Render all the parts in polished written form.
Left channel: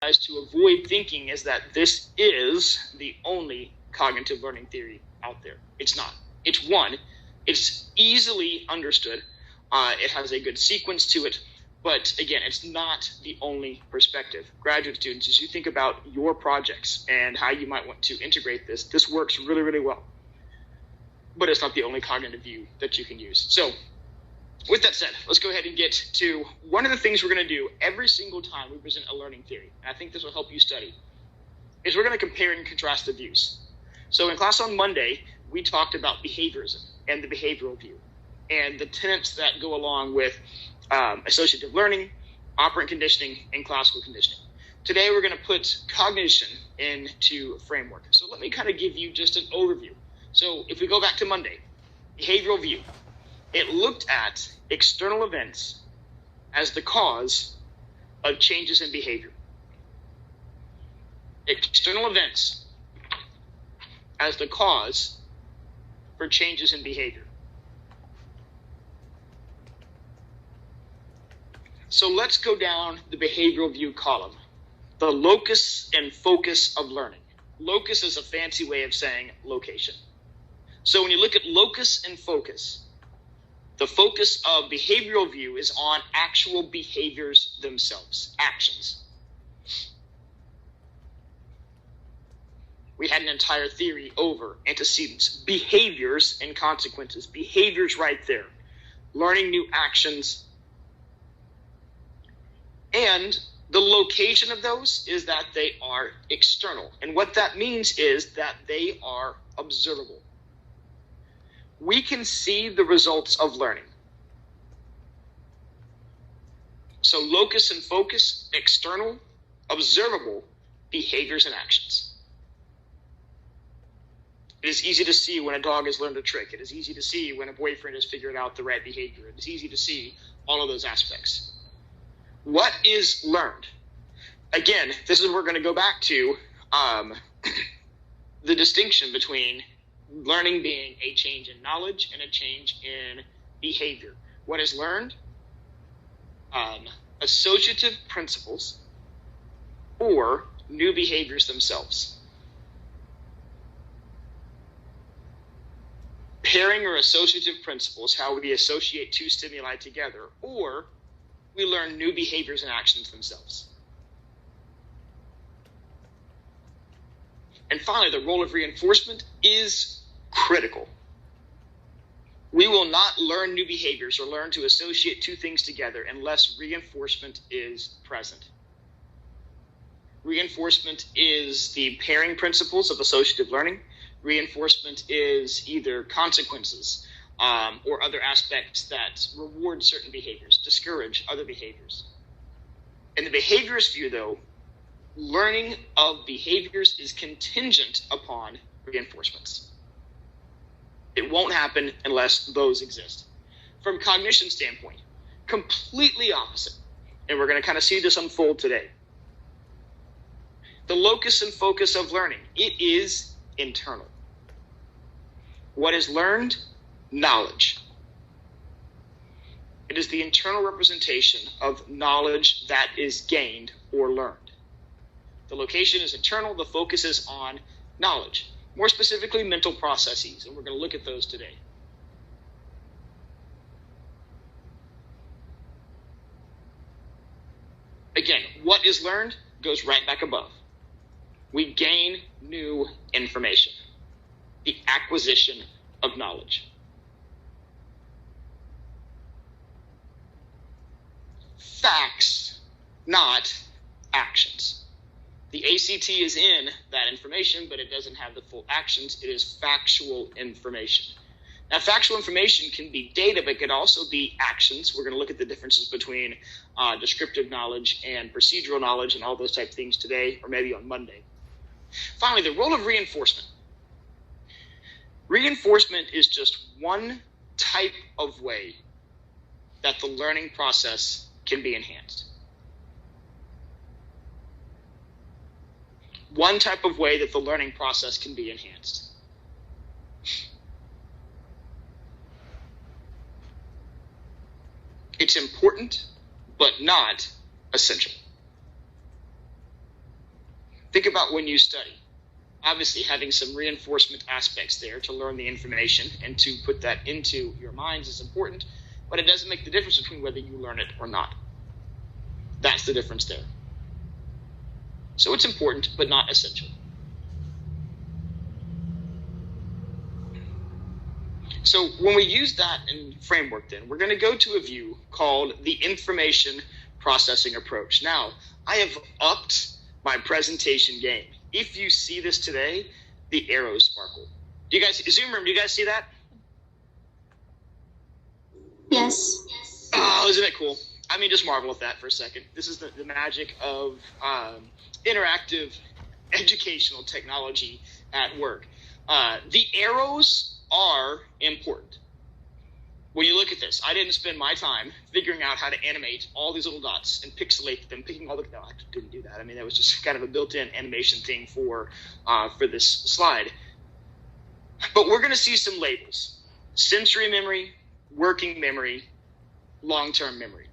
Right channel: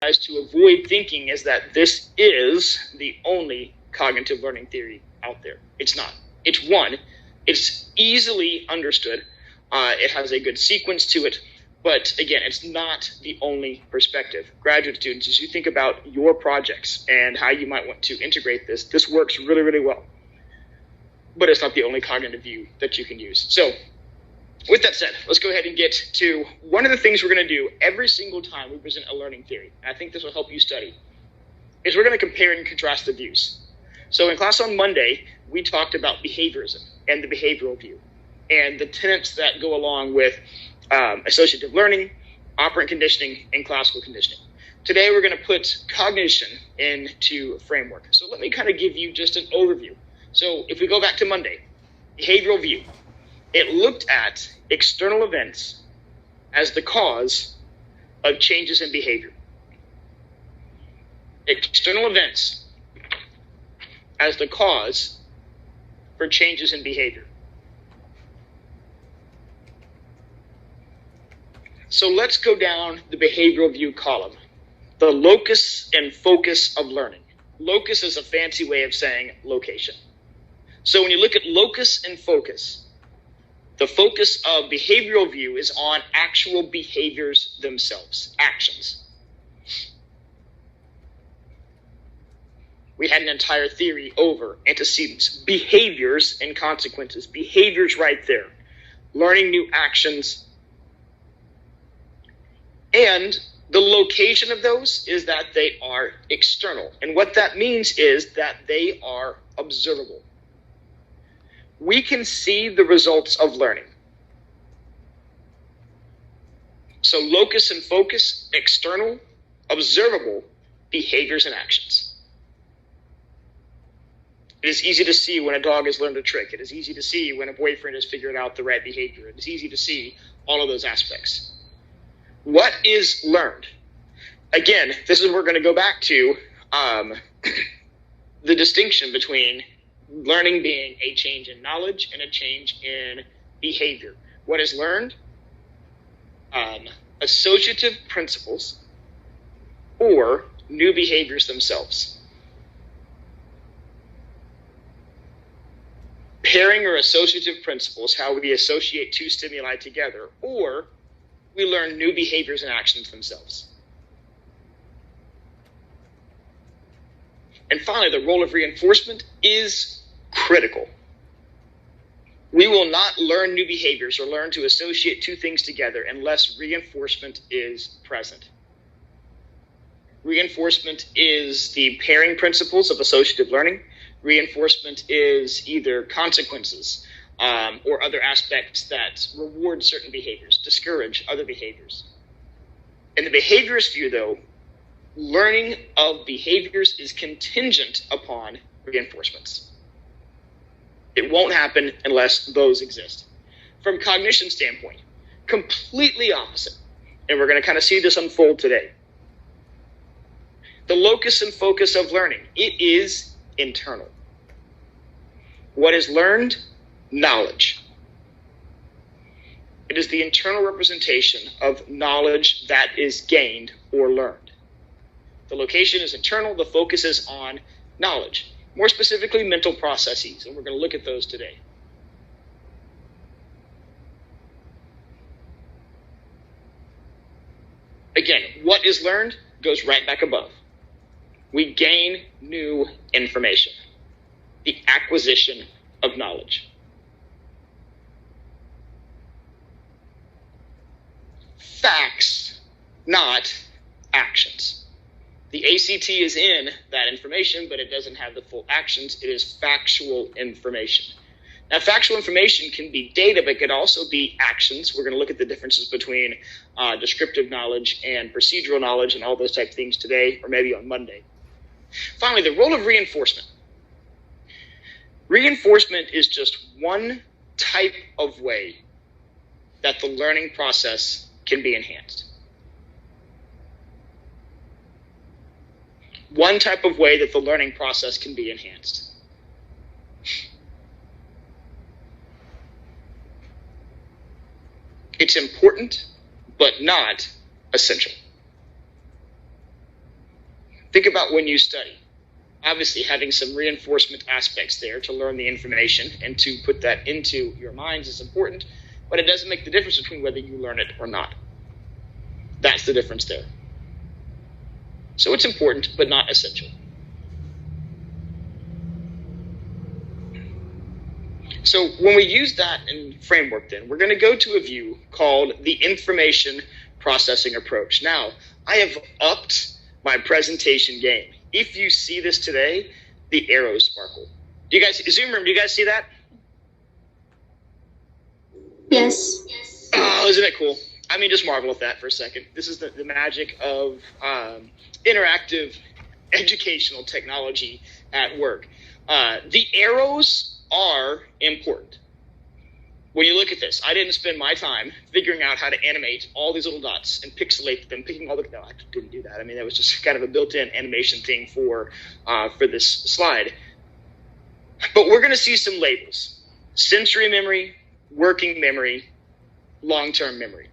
to avoid thinking is that this is the only cognitive learning theory out there. It's not. It's one. It's easily understood. It has a good sequence to it. But again, it's not the only perspective. Graduate students, as you think about your projects and how you might want to integrate this, this works really, really well. But it's not the only cognitive view that you can use. So with that said, let's go ahead and get to one of the things we're going to do every single time we present a learning theory. And I think this will help you study, is we're going to compare and contrast the views. So in class on Monday, we talked about behaviorism and the behavioral view and the tenets that go along with associative learning, operant conditioning, and classical conditioning. Today, we're going to put cognition into a framework. So let me kind of give you just an overview. So if we go back to Monday, behavioral view, it looked at external events as the cause of changes in behavior. External events as the cause for changes in behavior. So let's go down the behavioral view column. The locus and focus of learning. Locus is a fancy way of saying location. So when you look at locus and focus, the focus of behavioral view is on actual behaviors themselves, actions. We had an entire theory over antecedents, behaviors and consequences, behaviors right there, learning new actions. And the location of those is that they are external. And what that means is that they are observable. We can see the results of learning. So locus and focus, external, observable behaviors and actions. It is easy to see when a dog has learned a trick. It is easy to see when a boyfriend has figured out the right behavior. It is easy to see all of those aspects. What is learned? Again, this is where we're going to go back to the distinction between learning being a change in knowledge and a change in behavior. What is learned? Associative principles or new behaviors themselves. Pairing or associative principles, how we associate two stimuli together, or we learn new behaviors and actions themselves. And finally, the role of reinforcement is critical. We will not learn new behaviors or learn to associate two things together unless reinforcement is present. Reinforcement is the pairing principles of associative learning. Reinforcement is either consequences or other aspects that reward certain behaviors, discourage other behaviors. In the behaviorist view, though, learning of behaviors is contingent upon reinforcements. It won't happen unless those exist. From cognition standpoint, completely opposite. And we're going to kind of see this unfold today. The locus and focus of learning, it is internal. What is learned? Knowledge. It is the internal representation of knowledge that is gained or learned. The location is internal, the focus is on knowledge, more specifically mental processes, and we're going to look at those today. Again, what is learned goes right back above. We gain new information, the acquisition of knowledge. Facts, not actions. The ACT is in that information, but it doesn't have the full actions. It is factual information. Now, factual information can be data, but it can also be actions. We're going to look at the differences between descriptive knowledge and procedural knowledge and all those type of things today, or maybe on Monday. Finally, the role of reinforcement. Reinforcement is just one type of way that the learning process can be enhanced. One type of way that the learning process can be enhanced. It's important, but not essential. Think about when you study. Obviously, having some reinforcement aspects there to learn the information and to put that into your minds is important, but it doesn't make the difference between whether you learn it or not. That's the difference there. So it's important, but not essential. So when we use that in framework, then we're going to go to a view called the information processing approach. Now, I have upped my presentation game. If you see this today, the arrows sparkle. Do you guys, Zoom room, do you guys see that? Yes. Oh, isn't it cool? I mean, just marvel at that for a second. This is the magic of interactive educational technology at work. The arrows are important. When you look at this, I didn't spend my time figuring out how to animate all these little dots and pixelate them, picking all the, no, I didn't do that. I mean, that was just kind of a built-in animation thing for this slide. But we're going to see some labels: sensory memory, working memory, long-term memory.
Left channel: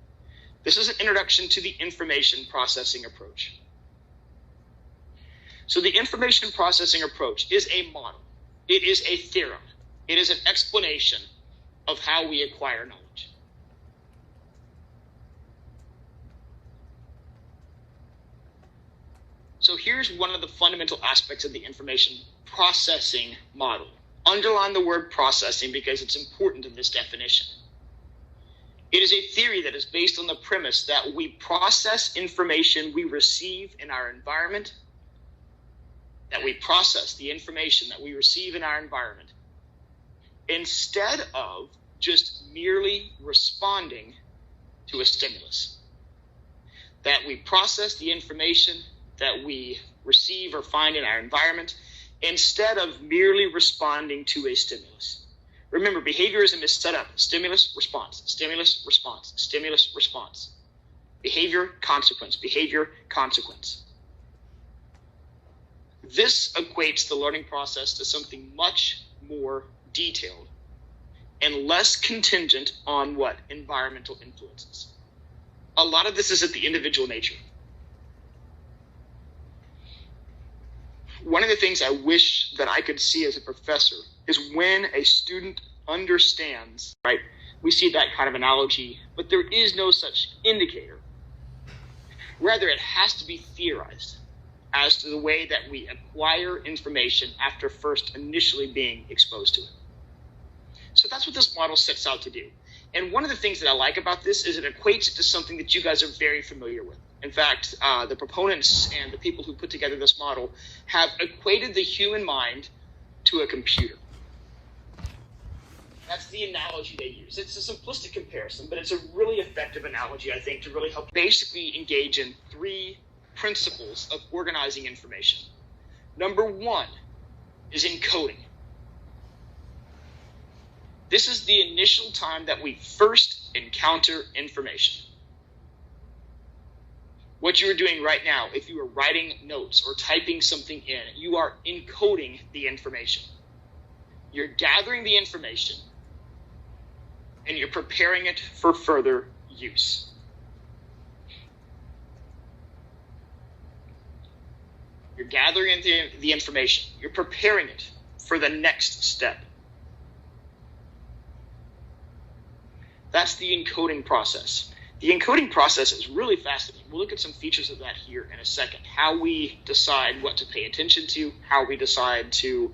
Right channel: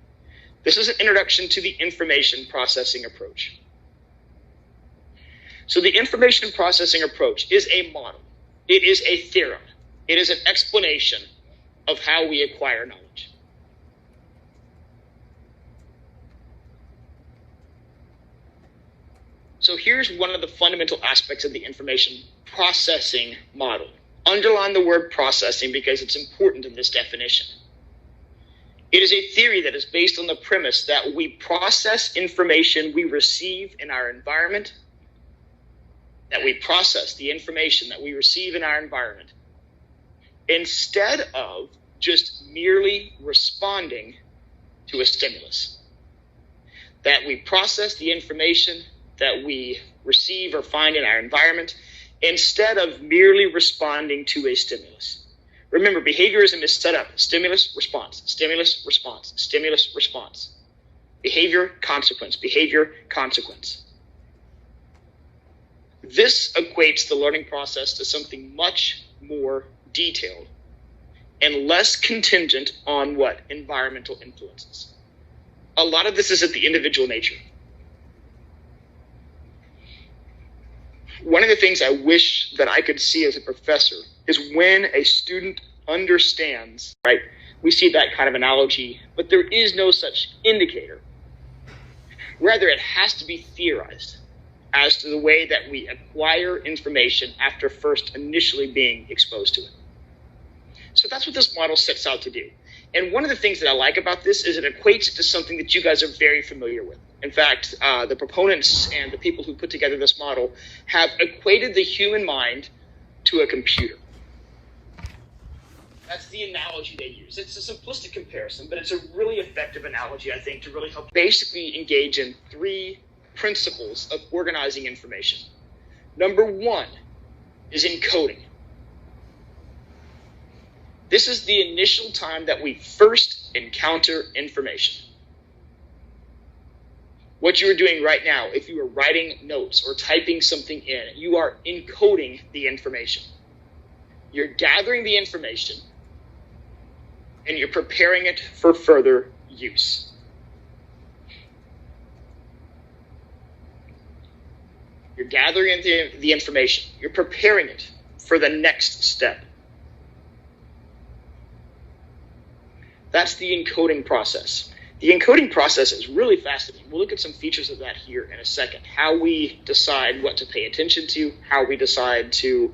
This is an introduction to the information processing approach. So the information processing approach is a model. It is a theorem. It is an explanation of how we acquire knowledge. So here's one of the fundamental aspects of the information processing model. Underline the word processing because it's important in this definition. It is a theory that is based on the premise that we process information we receive in our environment, that we process the information that we receive in our environment, instead of just merely responding to a stimulus. That we process the information that we receive or find in our environment instead of merely responding to a stimulus. Remember, behaviorism is set up: stimulus, response, stimulus, response, stimulus, response. Behavior, consequence, behavior, consequence. This equates the learning process to something much more detailed and less contingent on what? Environmental influences. A lot of this is at the individual nature. One of the things I wish that I could see as a professor is when a student understands, right? We see that kind of analogy, but there is no such indicator. Rather, it has to be theorized as to the way that we acquire information after first initially being exposed to it. So that's what this model sets out to do. And one of the things that I like about this is it equates it to something that you guys are very familiar with. In fact, the proponents and the people who put together this model have equated the human mind to a computer. That's the analogy they use. It's a simplistic comparison, but it's a really effective analogy, I think, to really help basically engage in three principles of organizing information. Number one is encoding. This is the initial time that we first encounter information. What you are doing right now, if you are writing notes or typing something in, you are encoding the information. You're gathering the information and you're preparing it for further use. You're gathering the information. You're preparing it for the next step. That's the encoding process. The encoding process is really fascinating. We'll look at some features of that here in a second. How we decide what to pay attention to, how we decide to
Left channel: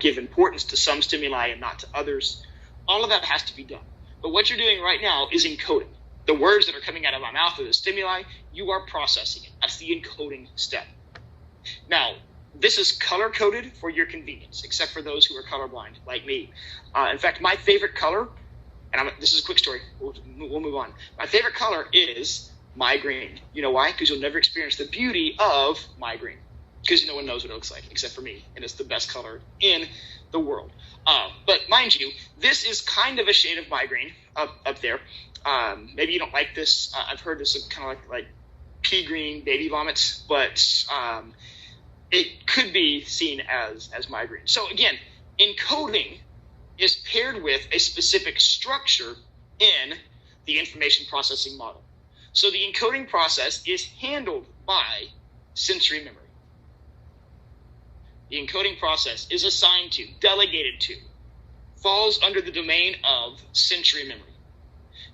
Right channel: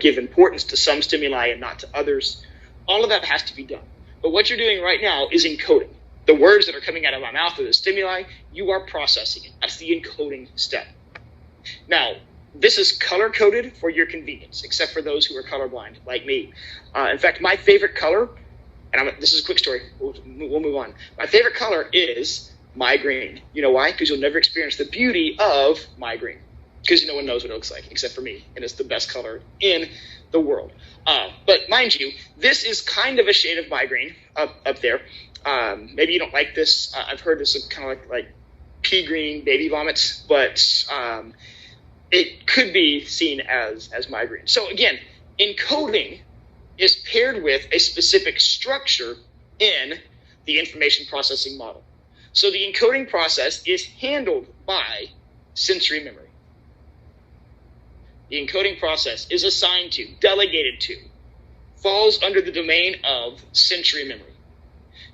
give importance to some stimuli and not to others. All of that has to be done. But what you're doing right now is encoding. The words that are coming out of my mouth are the stimuli. You are processing it. That's the encoding step. Now, this is color-coded for your convenience, except for those who are colorblind, like me. In fact, my favorite color, and this is a quick story, we'll move on. My favorite color is my green. You know why? Because you'll never experience the beauty of my green. Because no one knows what it looks like, except for me, and it's the best color in the world. But mind you, this is kind of a shade of my green up there. Maybe you don't like this. I've heard this is kind of like pea green baby vomits, but it could be seen as my green. So again, encoding is paired with a specific structure in the information processing model. So the encoding process is handled by sensory memory. the encoding process is assigned to, delegated to, falls under the domain of sensory memory.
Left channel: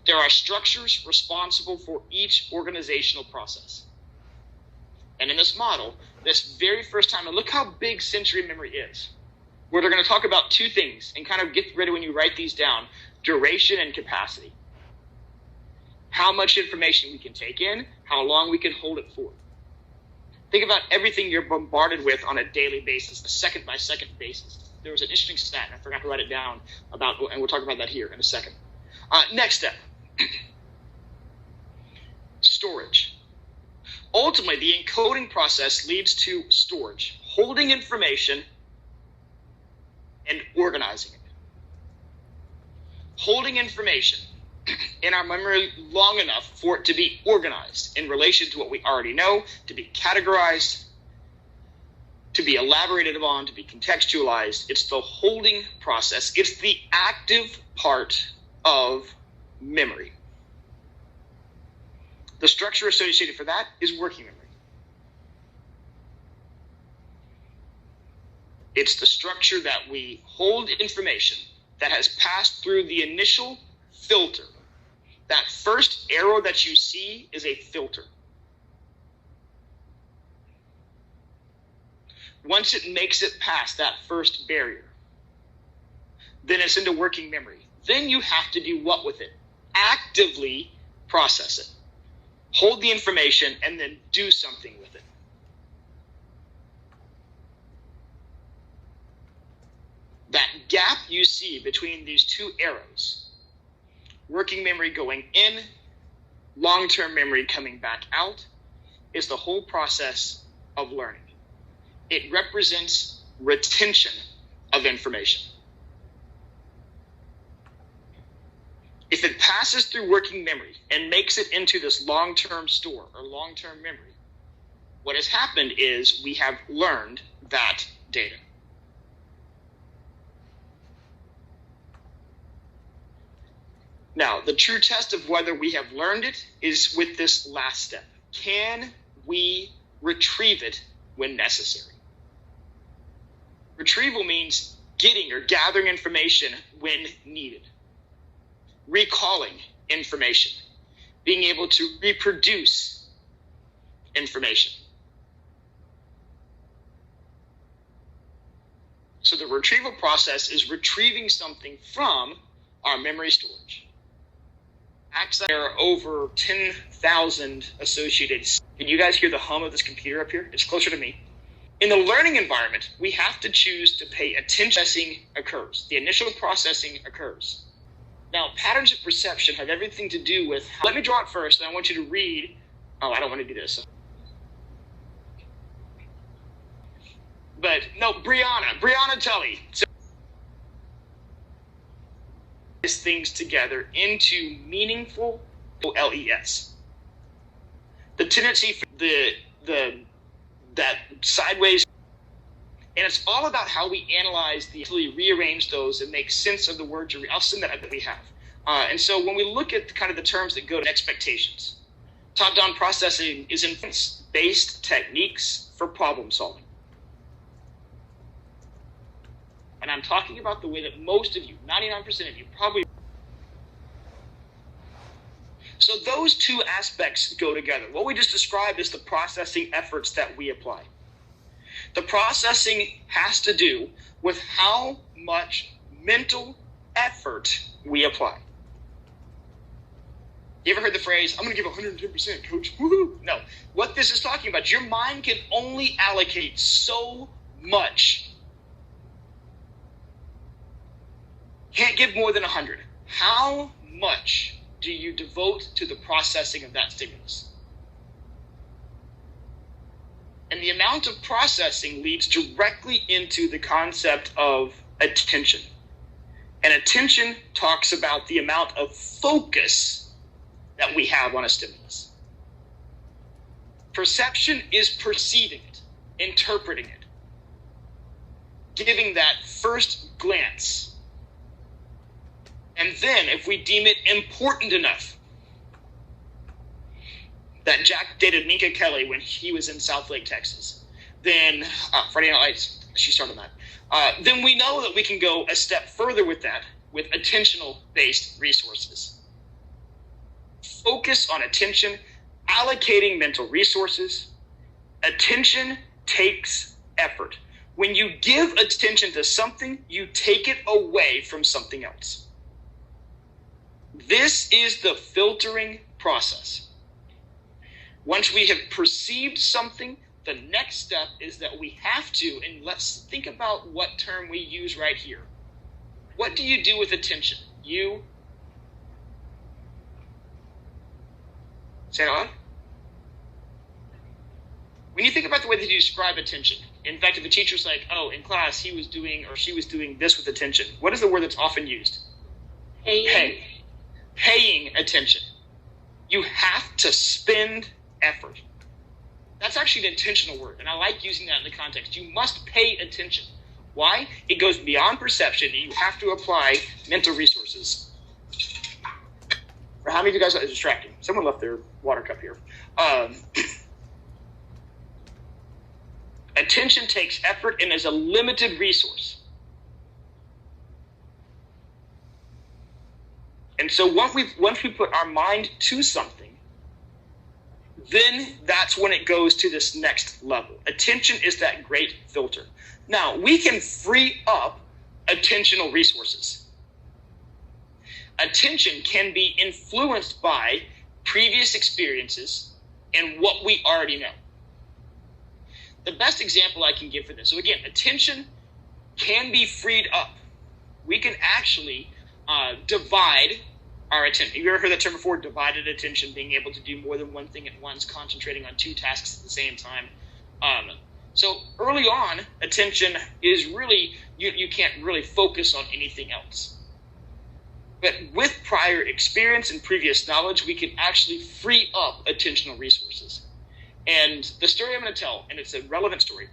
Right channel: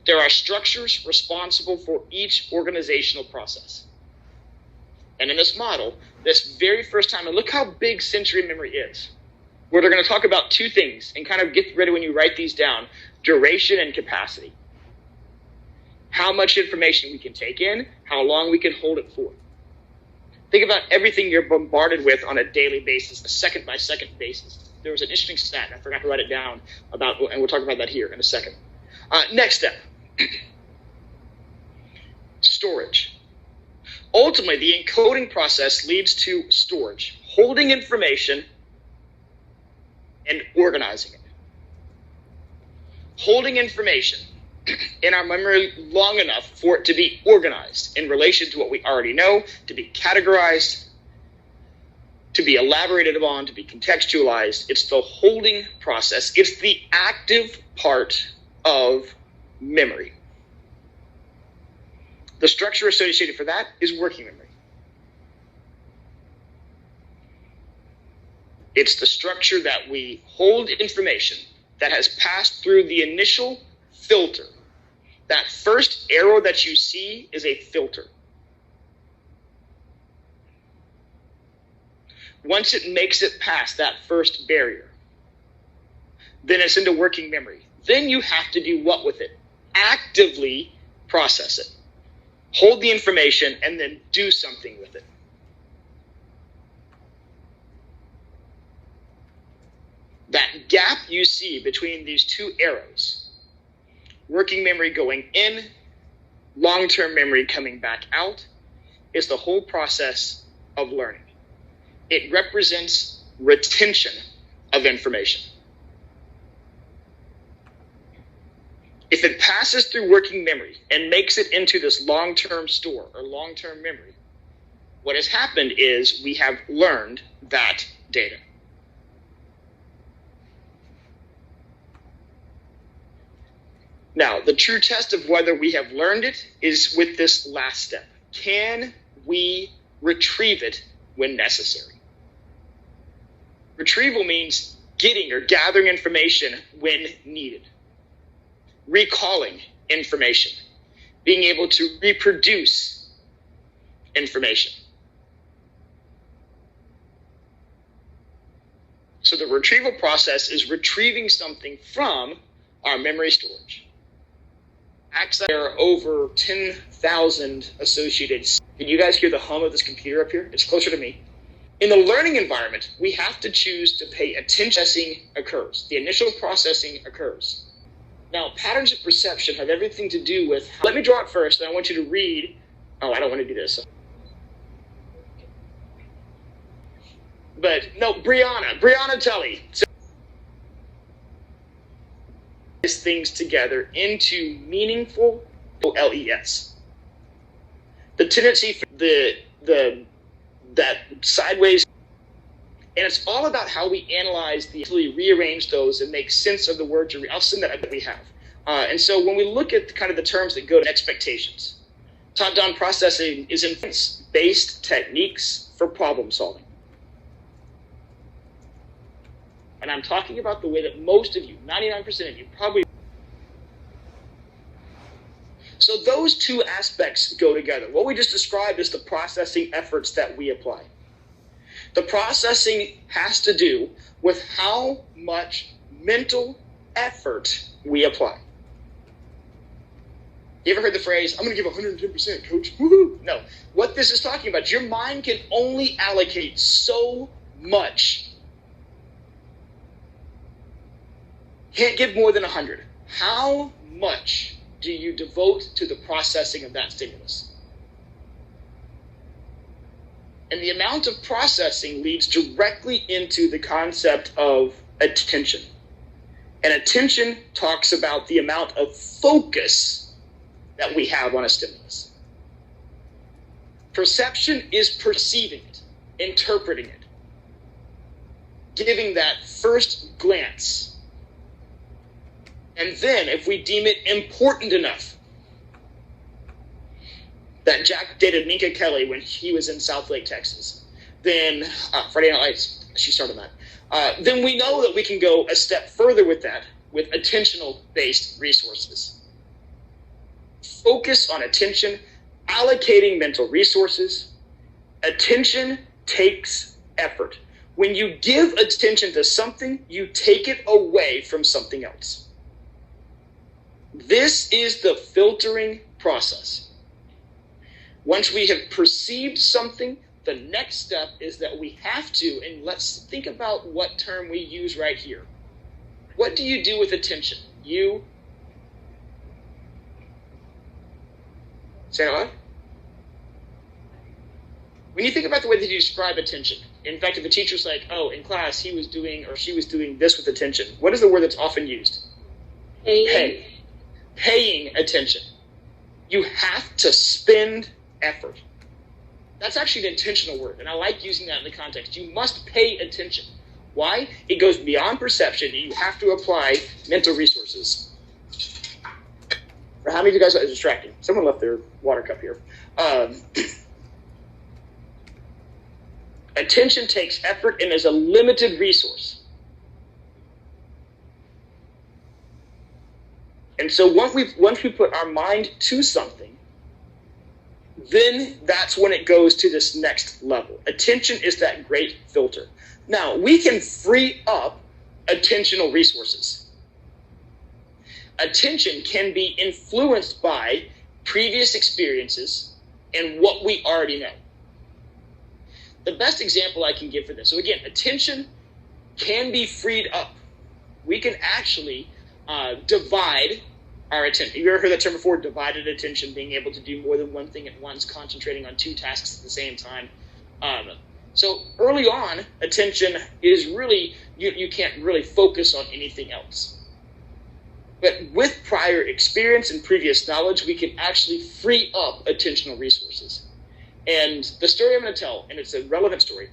There are structures responsible for each organizational process. And in this model, this very first time, and look how big sensory memory is, where they're going to talk about two things, and kind of get ready when you write these down: duration and capacity. How much information we can take in, how long we can hold it for. Think about everything you're bombarded with on a daily basis, a second-by-second basis. There was an interesting stat, and I forgot to write it down, about, and we'll talk about that here in a second. Next step, storage. Ultimately, the encoding process leads to storage, holding information and organizing it. Holding information in our memory long enough for it to be organized in relation to what we already know, to be categorized, to be elaborated upon, to be contextualized. It's the holding process. It's the active part of memory. The structure associated for that is working memory. It's the structure that we hold information that has passed through the initial filter. That first arrow that you see is a filter. Once it makes it past that first barrier, then it's into working memory. Then you have to do what with it? Actively process it. Hold the information and then do something with it. That gap you see between these two arrows, working memory going in, long-term memory coming back out, is the whole process of learning. It represents retention of information. If it passes through working memory and makes it into this long-term store or long-term memory, what has happened is we have learned that data. Now, the true test of whether we have learned it is with this last step. Can we retrieve it when necessary? Retrieval means getting or gathering information when needed. Recalling information. Being able to reproduce information. So the retrieval process is retrieving something from our memory storage. There are over 10,000 associated. Can you guys hear the hum of this computer up here? It's closer to me. In the learning environment, we have to choose to pay attention. Processing occurs. The initial processing occurs. Now, patterns of perception have everything to do with how. Let me draw it first, and I want you to read. Oh, I don't want to do this. But no, Brianna Tully. Things together into meaningful LES. The tendency for that sideways, and it's all about how we analyze rearrange those and make sense of the words. I'll send that we have. And so when we look at kind of the terms that go to expectations, top-down processing is inference-based techniques for problem solving. And I'm talking about the way that most of you, 99% of you, probably. So those two aspects go together. What we just described is the processing efforts that we apply. The processing has to do with how much mental effort we apply. You ever heard the phrase, I'm going to give 110%, coach? Woohoo! No. What this is talking about, your mind can only allocate so much. Can't give more than 100. How much do you devote to the processing of that stimulus? And the amount of processing leads directly into the concept of attention. And attention talks about the amount of focus that we have on a stimulus. Perception is perceiving it, interpreting it, giving that first glance. And then, if we deem it important enough, that Jack dated Minka Kelly when he was in South Lake, Texas, then Friday Night Lights, she started that. Then we know that we can go a step further with that, with attentional-based resources. Focus on attention, allocating mental resources. Attention takes effort. When you give attention to something, you take it away from something else. This is the filtering process. Once we have perceived something, the next step is that we have to, and let's think about what term we use right here. What do you do with attention? You say it out loud. When you think about the way that you describe attention, in fact, if a teacher's like, oh, in class he was doing or she was doing this with attention, what is the word that's often used? Paying attention. You have to spend effort. That's actually an intentional word, and I like using that in the context. You must pay attention. Why? It goes beyond perception, and you have to apply mental resources. For how many of you guys are distracting? Someone left their water cup here. Attention takes effort and is a limited resource. And so once we put our mind to something, then that's when it goes to this next level. Attention is that great filter. Now, we can free up attentional resources. Attention can be influenced by previous experiences and what we already know. The best example I can give for this, so again, attention can be freed up. We can actually divide our attention. You ever heard that term before? Divided attention, being able to do more than one thing at once, concentrating on two tasks at the same time. So early on, attention is really, you can't really focus on anything else. But with prior experience and previous knowledge, we can actually free up attentional resources. And the story I'm going to tell, and it's a relevant story,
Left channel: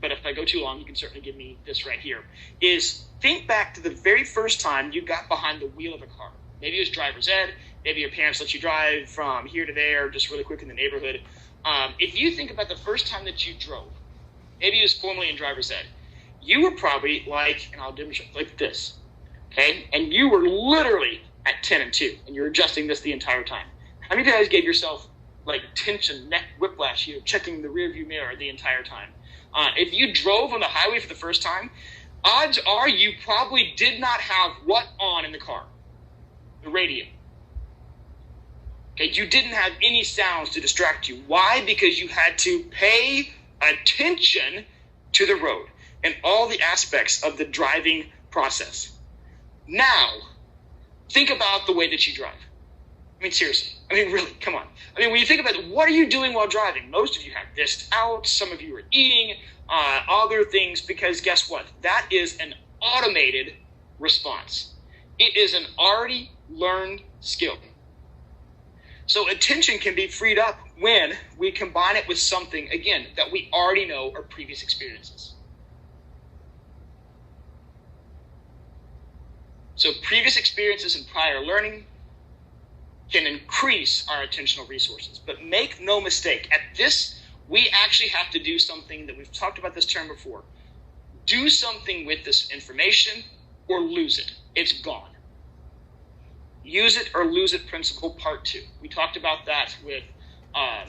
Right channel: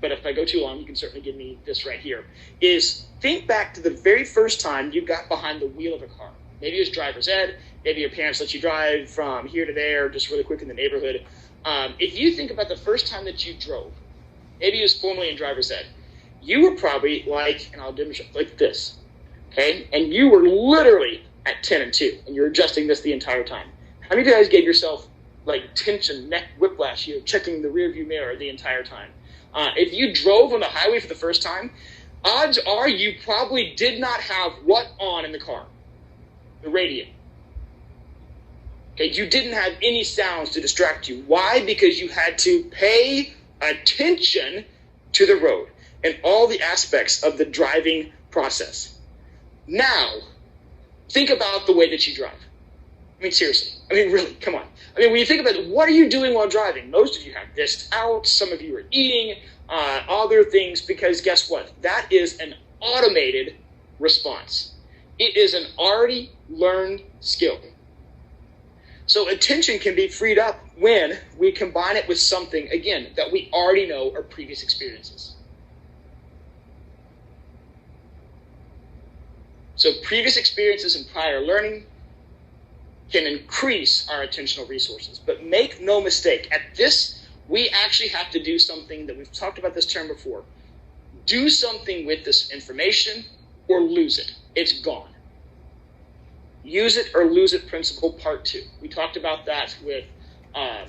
but if I go too long, you can certainly give me this right here, is think back to the very first time you got behind the wheel of a car. Maybe it was driver's ed, maybe your parents let you drive from here to there, just really quick in the neighborhood. If you think about the first time that you drove, maybe it was formerly in driver's ed, you were probably like, and I'll demonstrate, like this, okay? And you were literally at 10 and 2, and you're adjusting this the entire time. How many of you guys gave yourself like tension, neck whiplash, checking the rearview mirror the entire time? If you drove on the highway for the first time, odds are you probably did not have what on in the car? The radio. Okay, you didn't have any sounds to distract you. Why? Because you had to pay attention to the road and all the aspects of the driving process. Now, think about the way that you drive. I mean, seriously. I mean, really, come on. I mean, when you think about it, what are you doing while driving? Most of you have this out. Some of you are eating, other things, because guess what? That is an automated response. It is an already learned skill. So attention can be freed up when we combine it with something, again, that we already know are previous experiences. So previous experiences and prior learning can increase our attentional resources. But make no mistake, at this, we actually have to do something that we've talked about this term before. Do something with this information or lose it. It's gone. Use it or lose it principle part 2. We talked about that with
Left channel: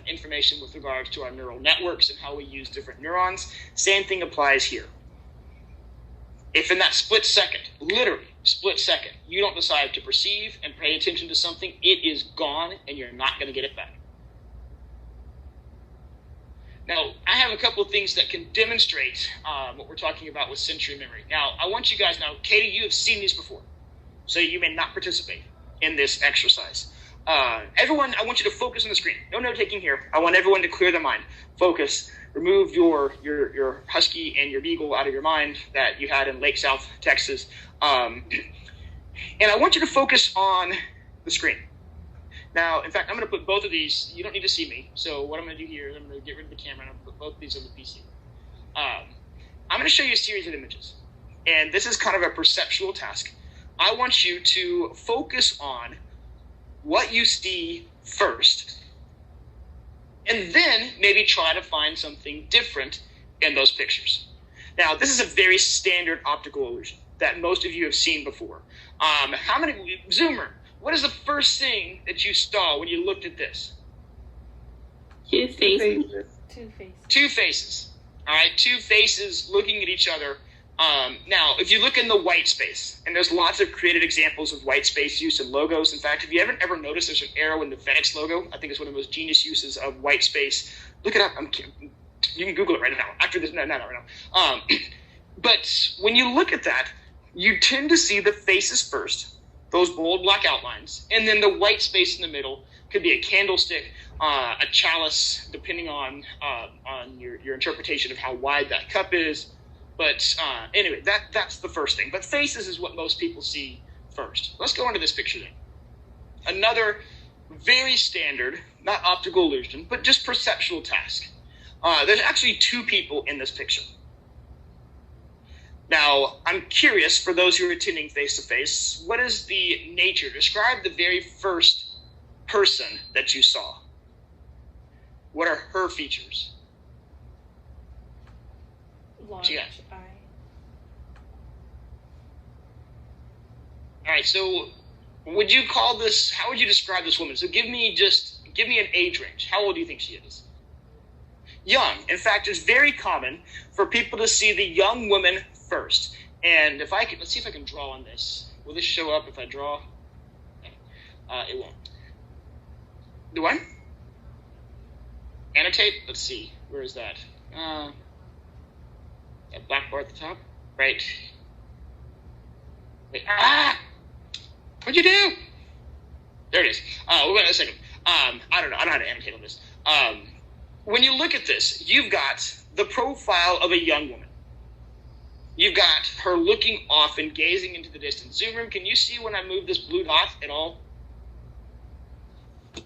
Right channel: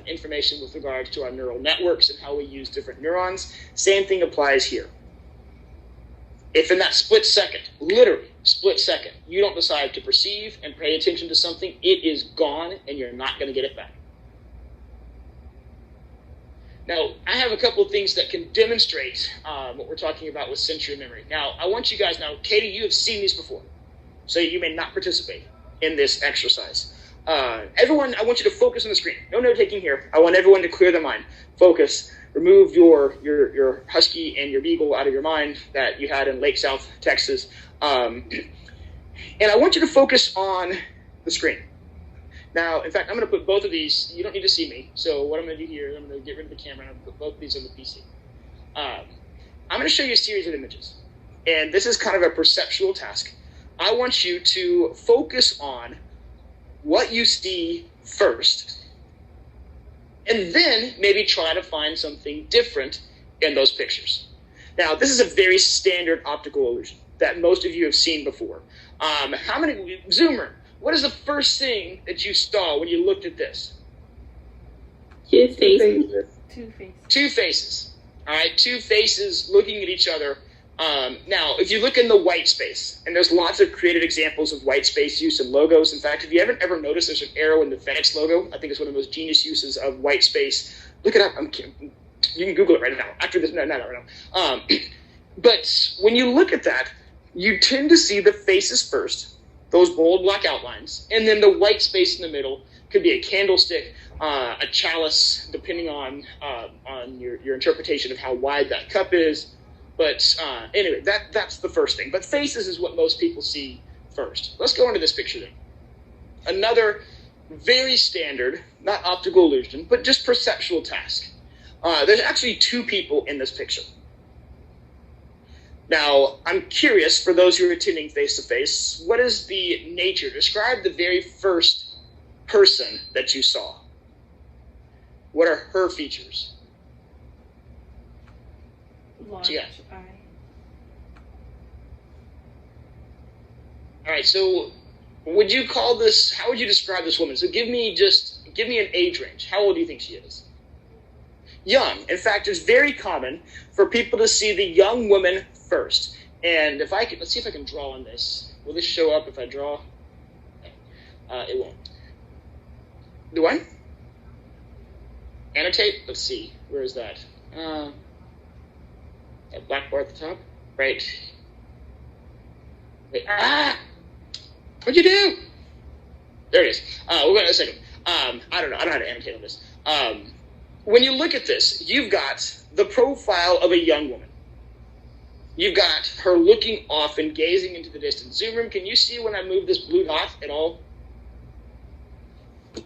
information with regards to our neural networks and how we use different neurons. Same thing applies here. If in that split second, literally split second, you don't decide to perceive and pay attention to something, it is gone and you're not going to get it back. Now, I have a couple of things that can demonstrate what we're talking about with sensory memory. Now, I want you guys, now, Katie, you have seen these before, so you may not participate in this exercise. Everyone, I want you to focus on the screen. No note-taking here. I want everyone to clear their mind. Focus. Remove your husky and your beagle out of your mind that you had in Lake South, Texas. And I want you to focus on the screen. Now, in fact, I'm going to put both of these. You don't need to see me. So what I'm going to do here is I'm going to get rid of the camera and I'm going to put both of these on the PC. I'm going to show you a series of images. And this is kind of a perceptual task. I want you to focus on what you see first, and then maybe try to find something different in those pictures. Now, this is a very standard optical illusion that most of you have seen before. How many, Zoomer, what is the first thing that you saw when you looked at this? Two faces. Two faces. All right, two faces looking at each other. Now, if you look in the white space, and there's lots of creative examples of white space use in logos. In fact, if you haven't ever noticed, there's an arrow in the FedEx logo. I think it's one of the most genius uses of white space. Look it up. You can Google it right now. After this, not right now. But when you look at that, you tend to see the faces first, those bold black outlines, and then the white space in the middle could be a candlestick, a chalice, depending on your interpretation of how wide that cup is. But anyway, that's the first thing. But faces is what most people see first. Let's go into this picture then. Another very standard, not optical illusion, but just perceptual task. There's actually two people in this picture. Now, I'm curious, for those who are attending face-to-face, what is the nature? Describe the very first person that you saw. What are her features? Large eye. All right, so would you call this, how would you describe this woman? So give me an age range. How old do you think she is? Young. In fact, it's very common for people to see the young woman first. And if I can, let's see if I can draw on this. Will this show up if I draw? It won't. Do I? Annotate? Let's see. Where is that? That black bar at the top? Right. Wait. What'd you do? There it is. We'll wait a second. I don't know. I don't know how to annotate on this. When you look at this, you've got the profile of a young woman. You've got her looking off and gazing into the distance. Zoom room, can you see when I move this blue dot at all?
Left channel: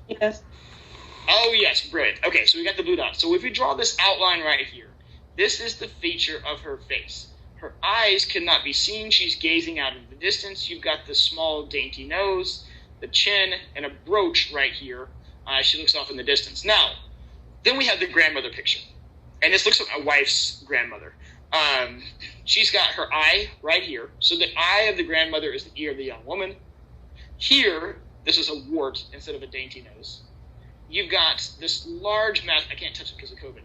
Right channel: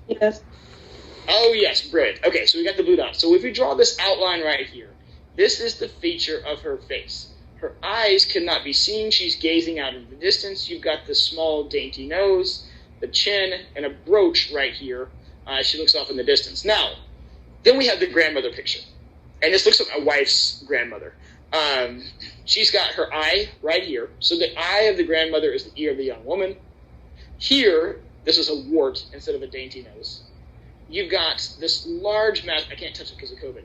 Yes. Oh, yes. Brilliant. Okay, so we got the blue dot. So if we draw this outline right here, this is the feature of her face. Her eyes cannot be seen. She's gazing out into the distance. You've got the small, dainty nose, the chin, and a brooch right here. She looks off in the distance. Now, then we have the grandmother picture. And this looks like my wife's grandmother. She's got her eye right here. So the eye of the grandmother is the ear of the young woman. Here, this is a wart instead of a dainty nose. You've got this large mass. I can't touch it because of COVID.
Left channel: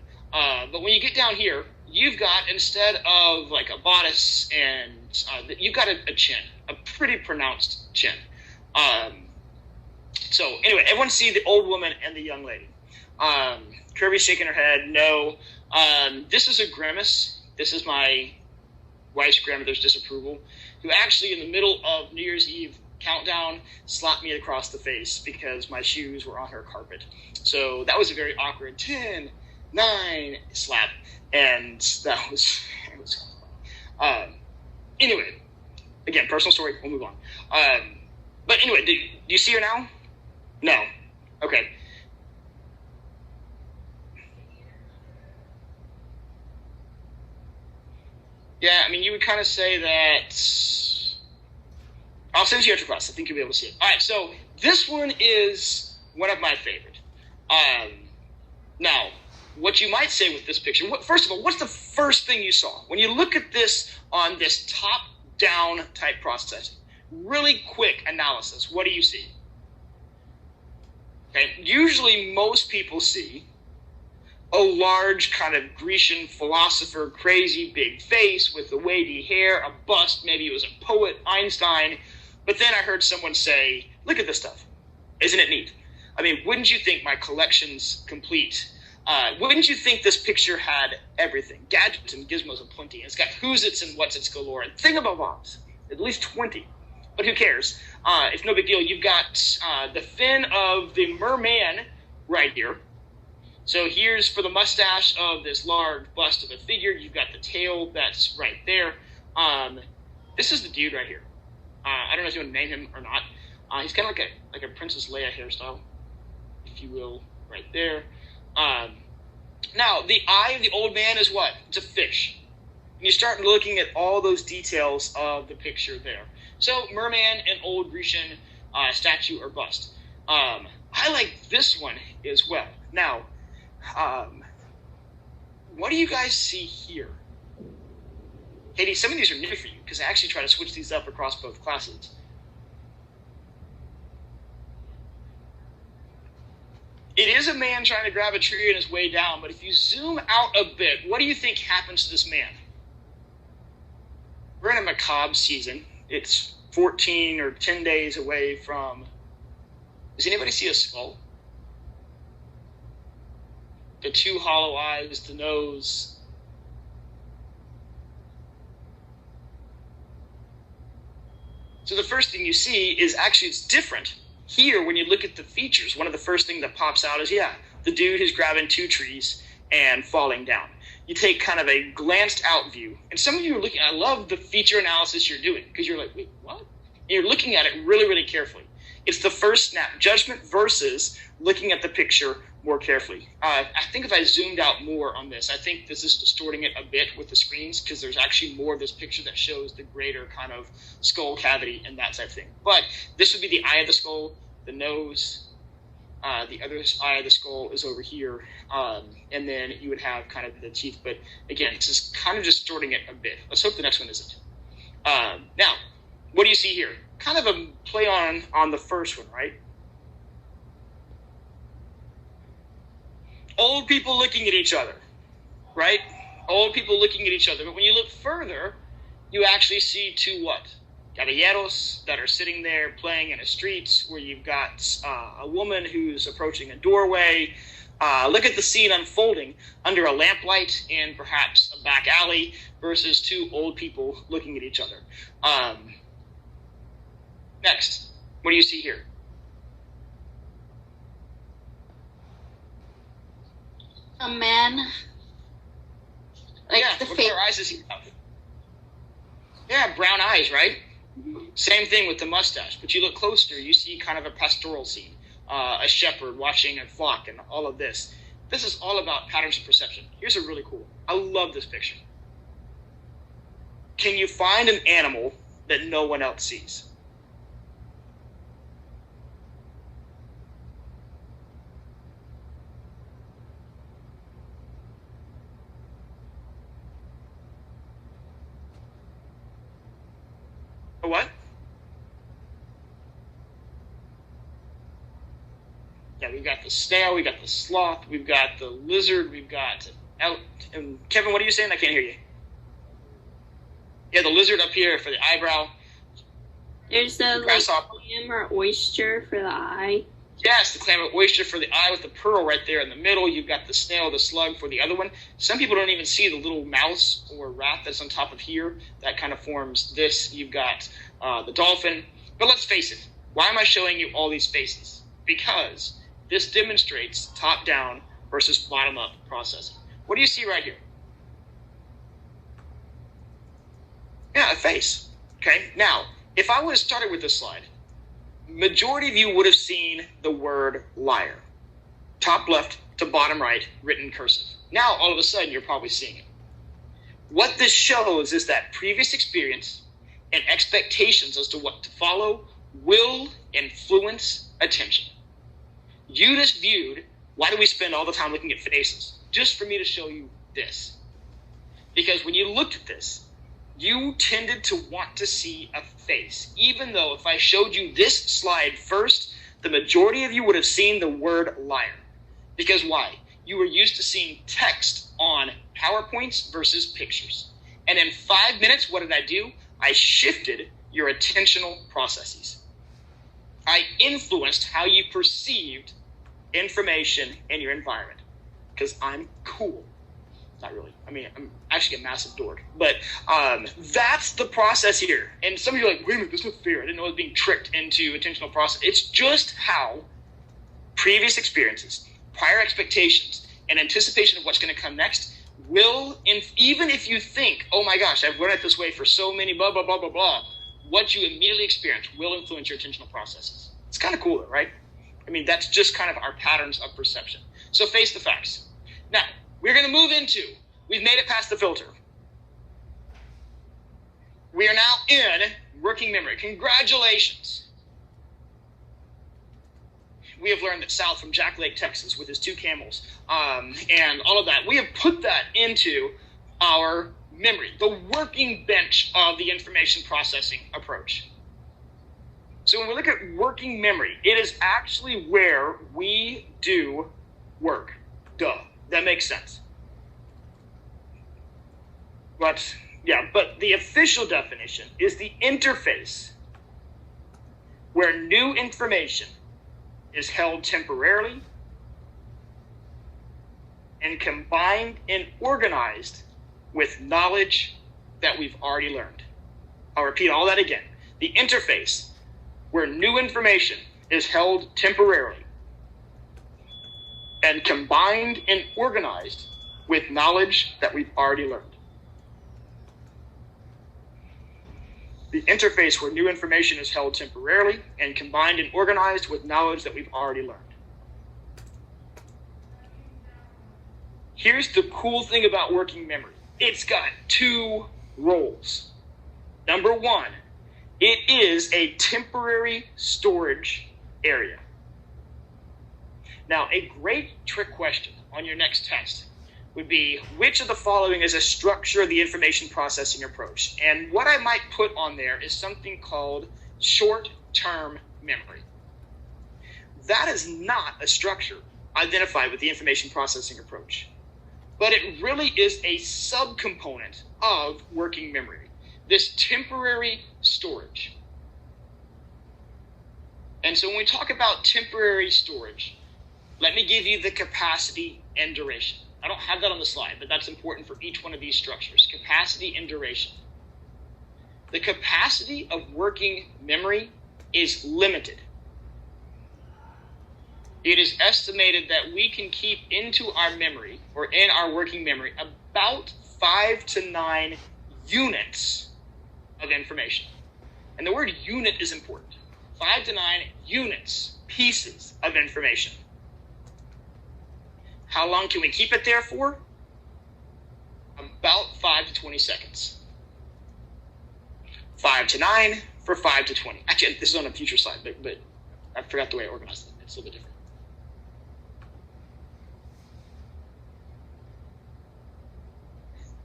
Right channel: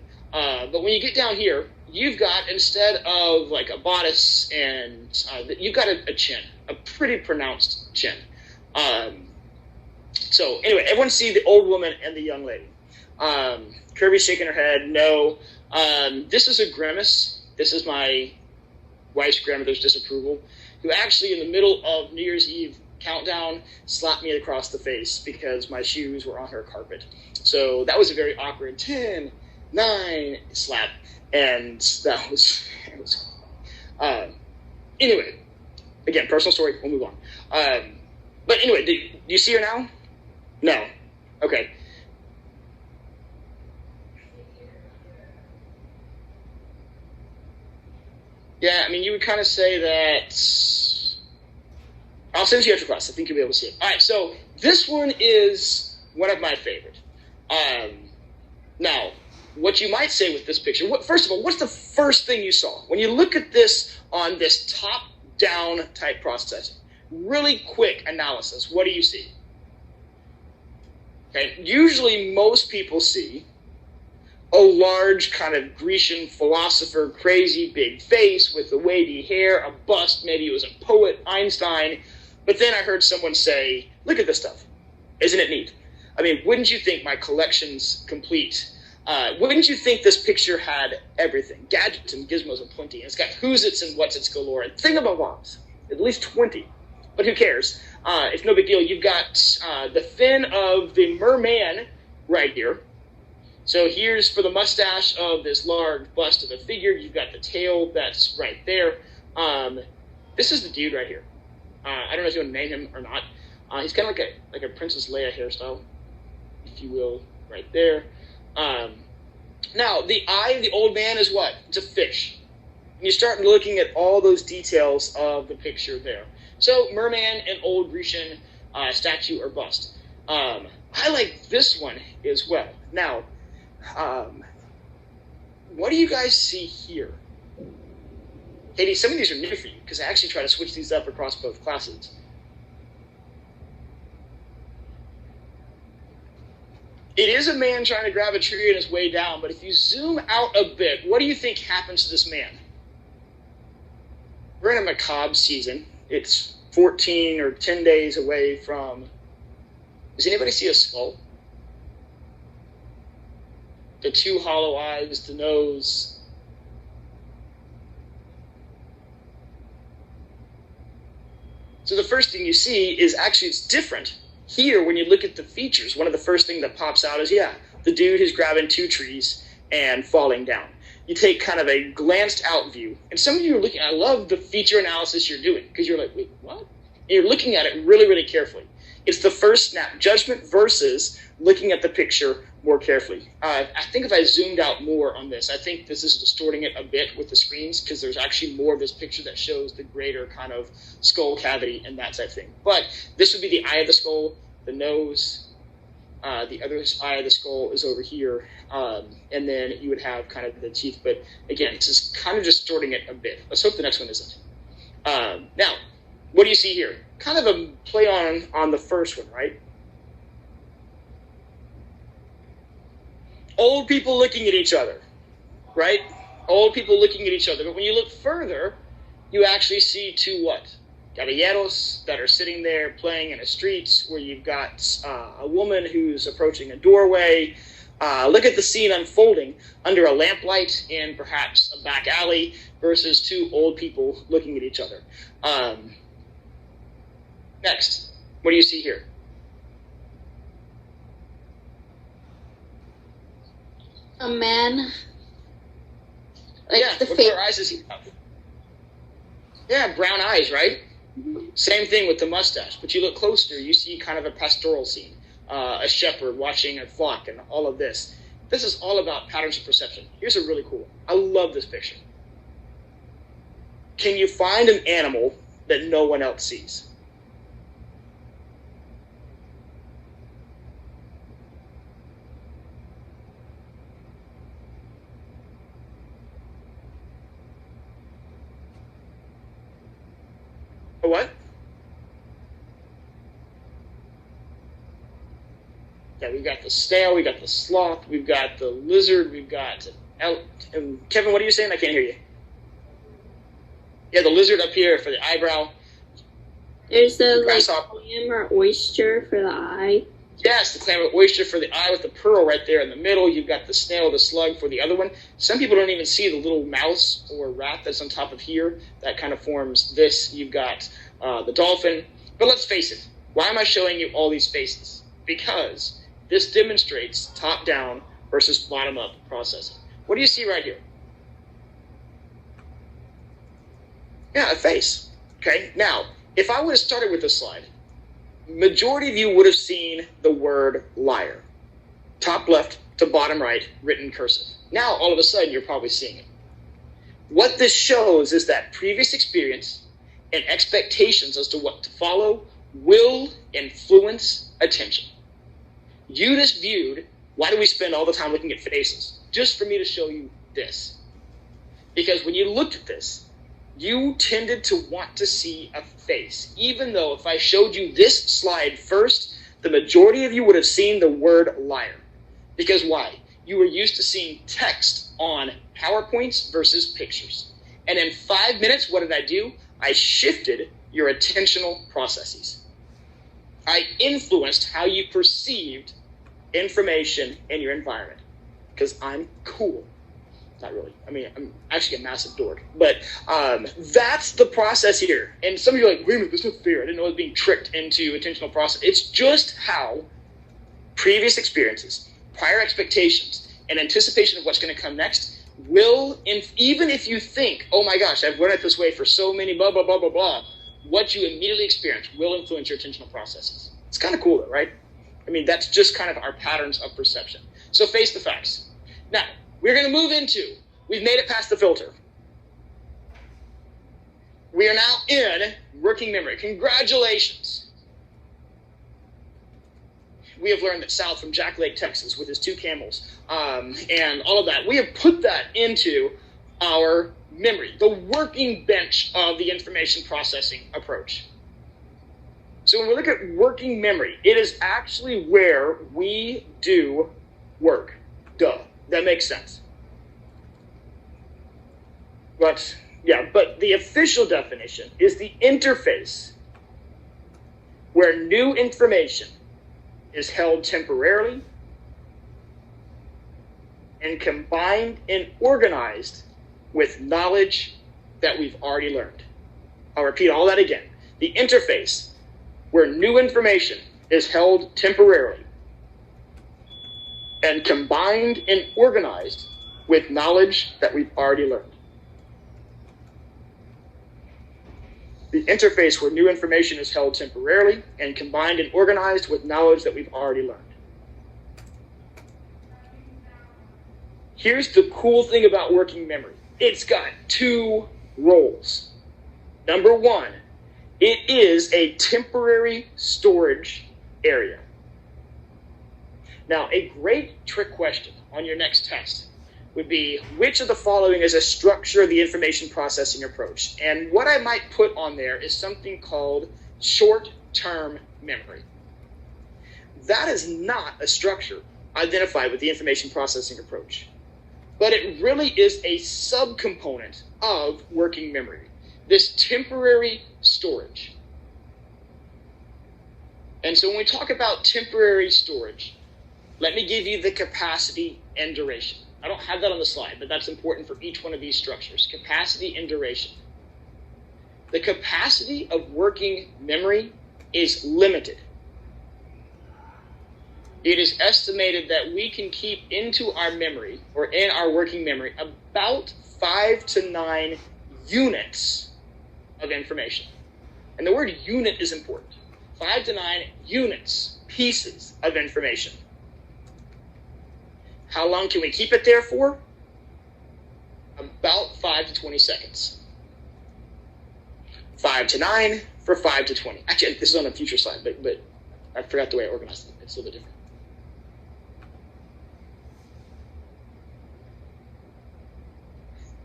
But when you get down here, you've got, instead of like a bodice, and you've got a chin, a pretty pronounced chin. So anyway, everyone see the old woman and the young lady. Kirby's shaking her head, no. This is a grimace. This is my wife's grandmother's disapproval, who actually in the middle of New Year's Eve countdown slapped me across the face because my shoes were on her carpet. So that was a very awkward 10, 9 slap, and that was anyway, again, personal story, we'll move on. But anyway, do you see her now? No. Okay. Yeah, I mean, you would kind of say that. I'll send it to you after class. I think you'll be able to see it. All right, so this one is one of my favorite. Now, what you might say with this picture, first of all, what's the first thing you saw? When you look at this on this top-down type processing, really quick analysis, what do you see? Okay, usually most people see a large kind of Grecian philosopher, crazy big face with the wavy hair, a bust, maybe it was a poet, Einstein. But then I heard someone say, look at this stuff. Isn't it neat? I mean, wouldn't you think my collection's complete? Wouldn't you think this picture had everything? Gadgets and gizmos aplenty. And it's got who's-its and what's-its galore. And thingamabobs, at least 20. But who cares? It's no big deal. You've got the fin of the merman right here. So here's for the mustache of this large bust of a figure. You've got the tail that's right there. This is the dude right here. I don't know if you want to name him or not. He's kind of like a Princess Leia hairstyle, if you will, right there. Now, the eye of the old man is what? It's a fish. And you start looking at all those details of the picture there. So, merman and old Grecian statue or bust. I like this one as well. Now, what do you guys see here? Katie, some of these are new for you because I actually try to switch these up across both classes. It is a man trying to grab a tree on his way down, but if you zoom out a bit, what do you think happens to this man? We're in a macabre season. It's 14 or 10 days away from... Does anybody see a skull? The two hollow eyes, the nose. So the first thing you see is actually it's different. Here, when you look at the features, one of the first things that pops out is, the dude who's grabbing two trees and falling down. You take kind of a glanced out view. And some of you are looking, I love the feature analysis you're doing because you're like, wait, what? And you're looking at it really, really carefully. It's the first snap judgment versus looking at the picture more carefully. I think if I zoomed out more on this, I think this is distorting it a bit with the screens because there's actually more of this picture that shows the greater kind of skull cavity and that type of thing. But this would be the eye of the skull, the nose, the other eye of the skull is over here, and then you would have kind of the teeth. But again, it's just kind of distorting it a bit. Let's hope the next one isn't. Now, what do you see here? Kind of a play on the first one, right? Old people looking at each other, right? Old people looking at each other. But when you look further, you actually see two what? Caballeros that are sitting there playing in a street where you've got a woman who's approaching a doorway. Look at the scene unfolding under a lamplight in perhaps a back alley versus two old people looking at each other. Next, what do you see here? A man. What color eyes does he have? Yeah, brown eyes, right? Mm-hmm. Same thing with the mustache. But you look closer, you see kind of a pastoral scene. A shepherd watching a flock and all of this. This is all about patterns of perception. Here's a really cool one. I love this picture. Can you find an animal that no one else sees? A what? Yeah, we've got the snail, we've got the sloth, we've got the lizard, we've got... Kevin, what are you saying? I can't hear you. Yeah, the lizard up here for the eyebrow. There's the clam or oyster for the eye. Yes, the clam or oyster for the eye with the pearl right there in the middle. You've got the snail, the slug for the other one. Some people don't even see the little mouse or rat that's on top of here. That kind of forms this. You've got the dolphin. But let's face it. Why am I showing you all these faces? Because this demonstrates top-down versus bottom-up processing. What do you see right here? Yeah, a face. Okay, now, if I would have started with this slide, majority of you would have seen the word liar. Top left to bottom right, written cursive. Now, all of a sudden, you're probably seeing it. What this shows is that previous experience and expectations as to what to follow will influence attention. You just viewed, why do we spend all the time looking at faces? Just for me to show you this. Because when you looked at this, you tended to want to see a face. Even though if I showed you this slide first, the majority of you would have seen the word liar. Because why? You were used to seeing text on PowerPoints versus pictures. And in 5 minutes, what did I do? I shifted your attentional processes. I influenced how you perceived information in your environment. Because I'm cool. Not really. I mean, I'm actually a massive dork. But that's the process here. And some of you are like, wait a minute, that's not fair. I didn't know I was being tricked into attentional process. It's just how previous experiences, prior expectations, and anticipation of what's going to come next will, even if you think, oh my gosh, I've learned it this way for so many blah, blah, blah, blah, blah, what you immediately experience will influence your attentional processes. It's kind of cool though, right? I mean, that's just kind of our patterns of perception. So face the facts. Now, we're going to move into, we've made it past the filter. We are now in working memory. Congratulations. We have learned that South from Jack Lake, Texas, with his 2 camels, and all of that, we have put that into our memory, the working bench of the information processing approach. So when we look at working memory, it is actually where we do work. Duh, that makes sense. But the official definition is the interface where new information is held temporarily and combined and organized with knowledge that we've already learned. I'll repeat all that again. The interface where new information is held temporarily and combined and organized with knowledge that we've already learned. The interface where new information is held temporarily and combined and organized with knowledge that we've already learned. Here's the cool thing about working memory. It's got two roles. Number one, it is a temporary storage area. Now, a great trick question on your next test would be, which of the following is a structure of the information processing approach? And what I might put on there is something called short-term memory. That is not a structure identified with the information processing approach, but it really is a subcomponent of working memory, this temporary storage. And so when we talk about temporary storage, let me give you the capacity and duration. I don't have that on the slide, but that's important for each one of these structures. Capacity and duration. The capacity of working memory is limited. It is estimated that we can keep into our memory, or in our working memory, about 5 to 9 units of information. And the word unit is important. 5 to 9 units, pieces of information. How long can we keep it there for? About 5 to 20 seconds. 5 to 9 for 5 to 20. Actually, this is on a future slide, but I forgot the way I organized it. It's a little bit different.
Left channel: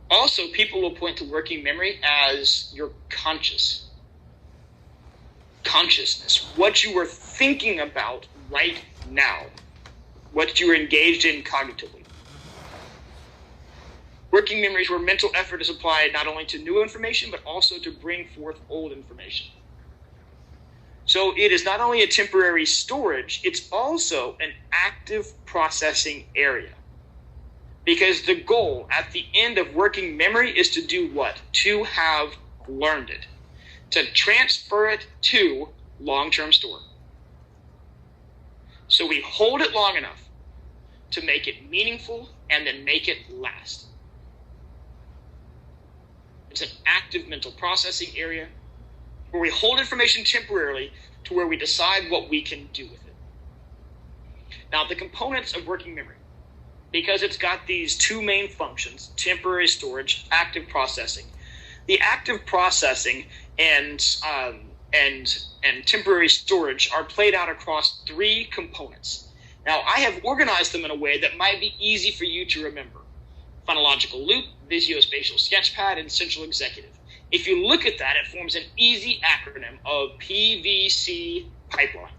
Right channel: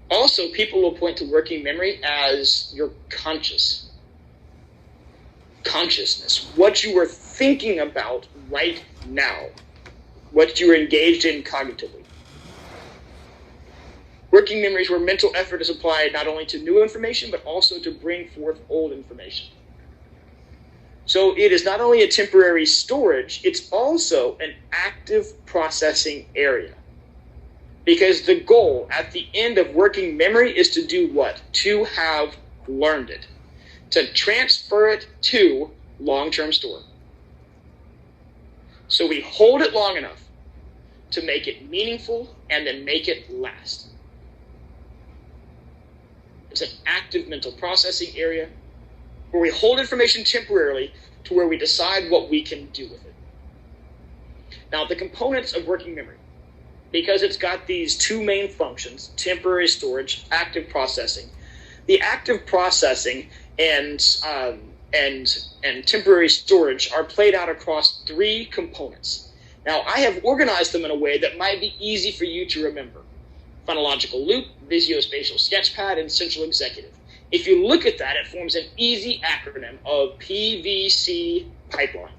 Also, people will point to working memory as your consciousness, what you are thinking about right now, what you are engaged in cognitively. Working memory is where mental effort is applied not only to new information, but also to bring forth old information. So it is not only a temporary storage, it's also an active processing area. Because the goal at the end of working memory is to do what? To have learned it. To transfer it to long-term store. So we hold it long enough to make it meaningful and then make it last. It's an active mental processing area where we hold information temporarily to where we decide what we can do with it. Now, the components of working memory, because it's got these two main functions, temporary storage, active processing. The active processing and temporary storage are played out across 3 components. Now, I have organized them in a way that might be easy for you to remember. Phonological loop, visuospatial sketchpad, and central executive. If you look at that, it forms an easy acronym of PVC pipeline.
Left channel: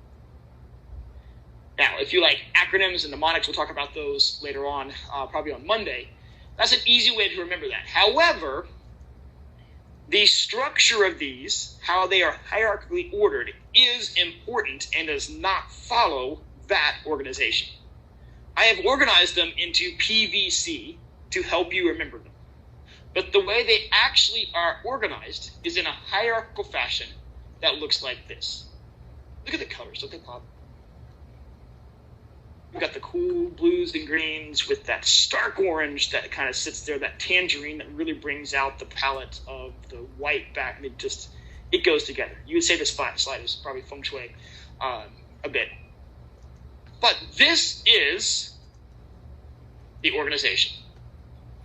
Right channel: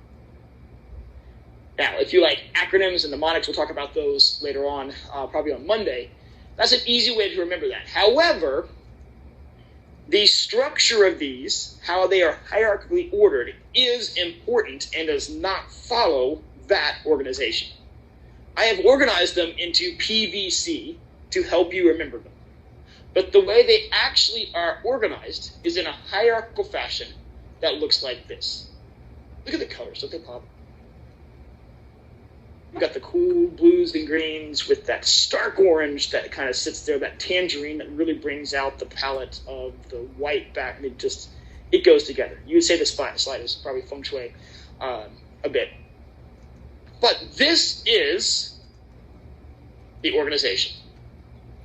Now, if you like acronyms and mnemonics, we'll talk about those later on, probably on Monday. That's an easy way to remember that. However, the structure of these, how they are hierarchically ordered, is important and does not follow that organization. I have organized them into PVC to help you remember them. But the way they actually are organized is in a hierarchical fashion that looks like this. Look at the colors, don't they pop? You've got the cool blues and greens with that stark orange that kind of sits there, that tangerine that really brings out the palette of the white back, and it goes together. You would say this slide is probably feng shui a bit. But this is the organization.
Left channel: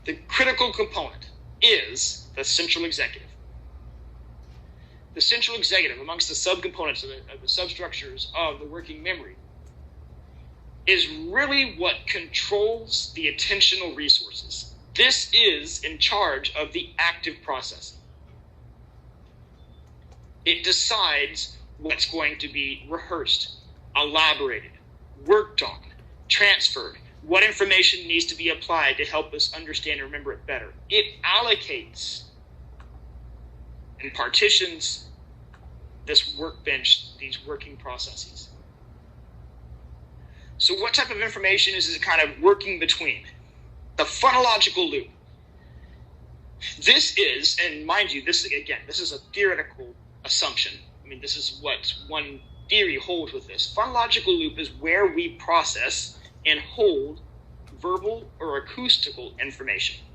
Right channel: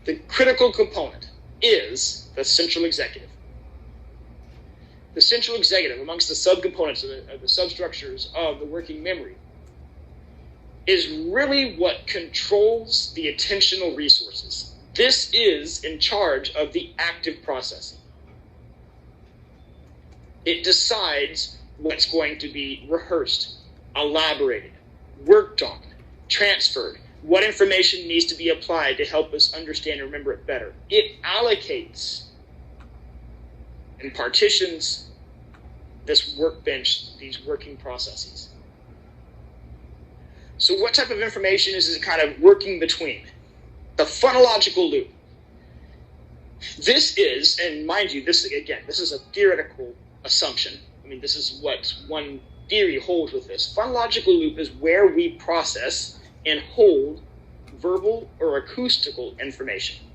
The critical component is the central executive. The central executive, amongst the subcomponents of the substructures of the working memory, is really what controls the attentional resources. This is in charge of the active processing. It decides what's going to be rehearsed, elaborated, worked on, transferred, what information needs to be applied to help us understand and remember it better. It allocates and partitions this workbench, these working processes. So what type of information is it kind of working between? The phonological loop. This is, and mind you, this is a theoretical assumption. I mean, this is what one theory holds with this. Phonological loop is where we process and hold verbal or acoustical information.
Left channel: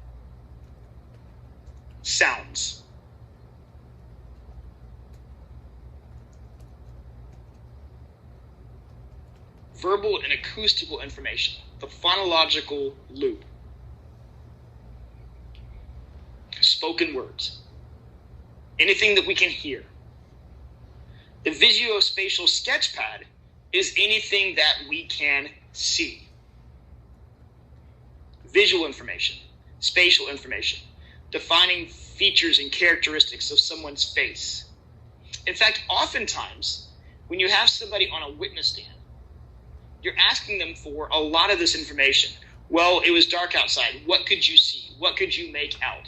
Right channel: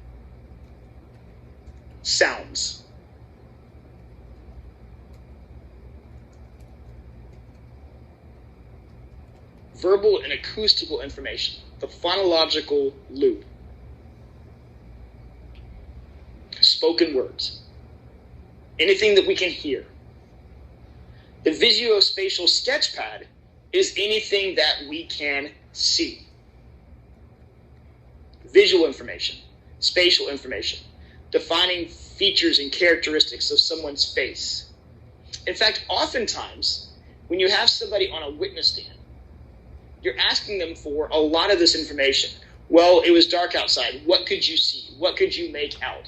Sounds. Verbal and acoustical information. The phonological loop. Spoken words. Anything that we can hear. The visuospatial sketchpad is anything that we can see. Visual information, spatial information, defining features and characteristics of someone's face. In fact, oftentimes, when you have somebody on a witness stand, you're asking them for a lot of this information. Well, it was dark outside. What could you see? What could you make out?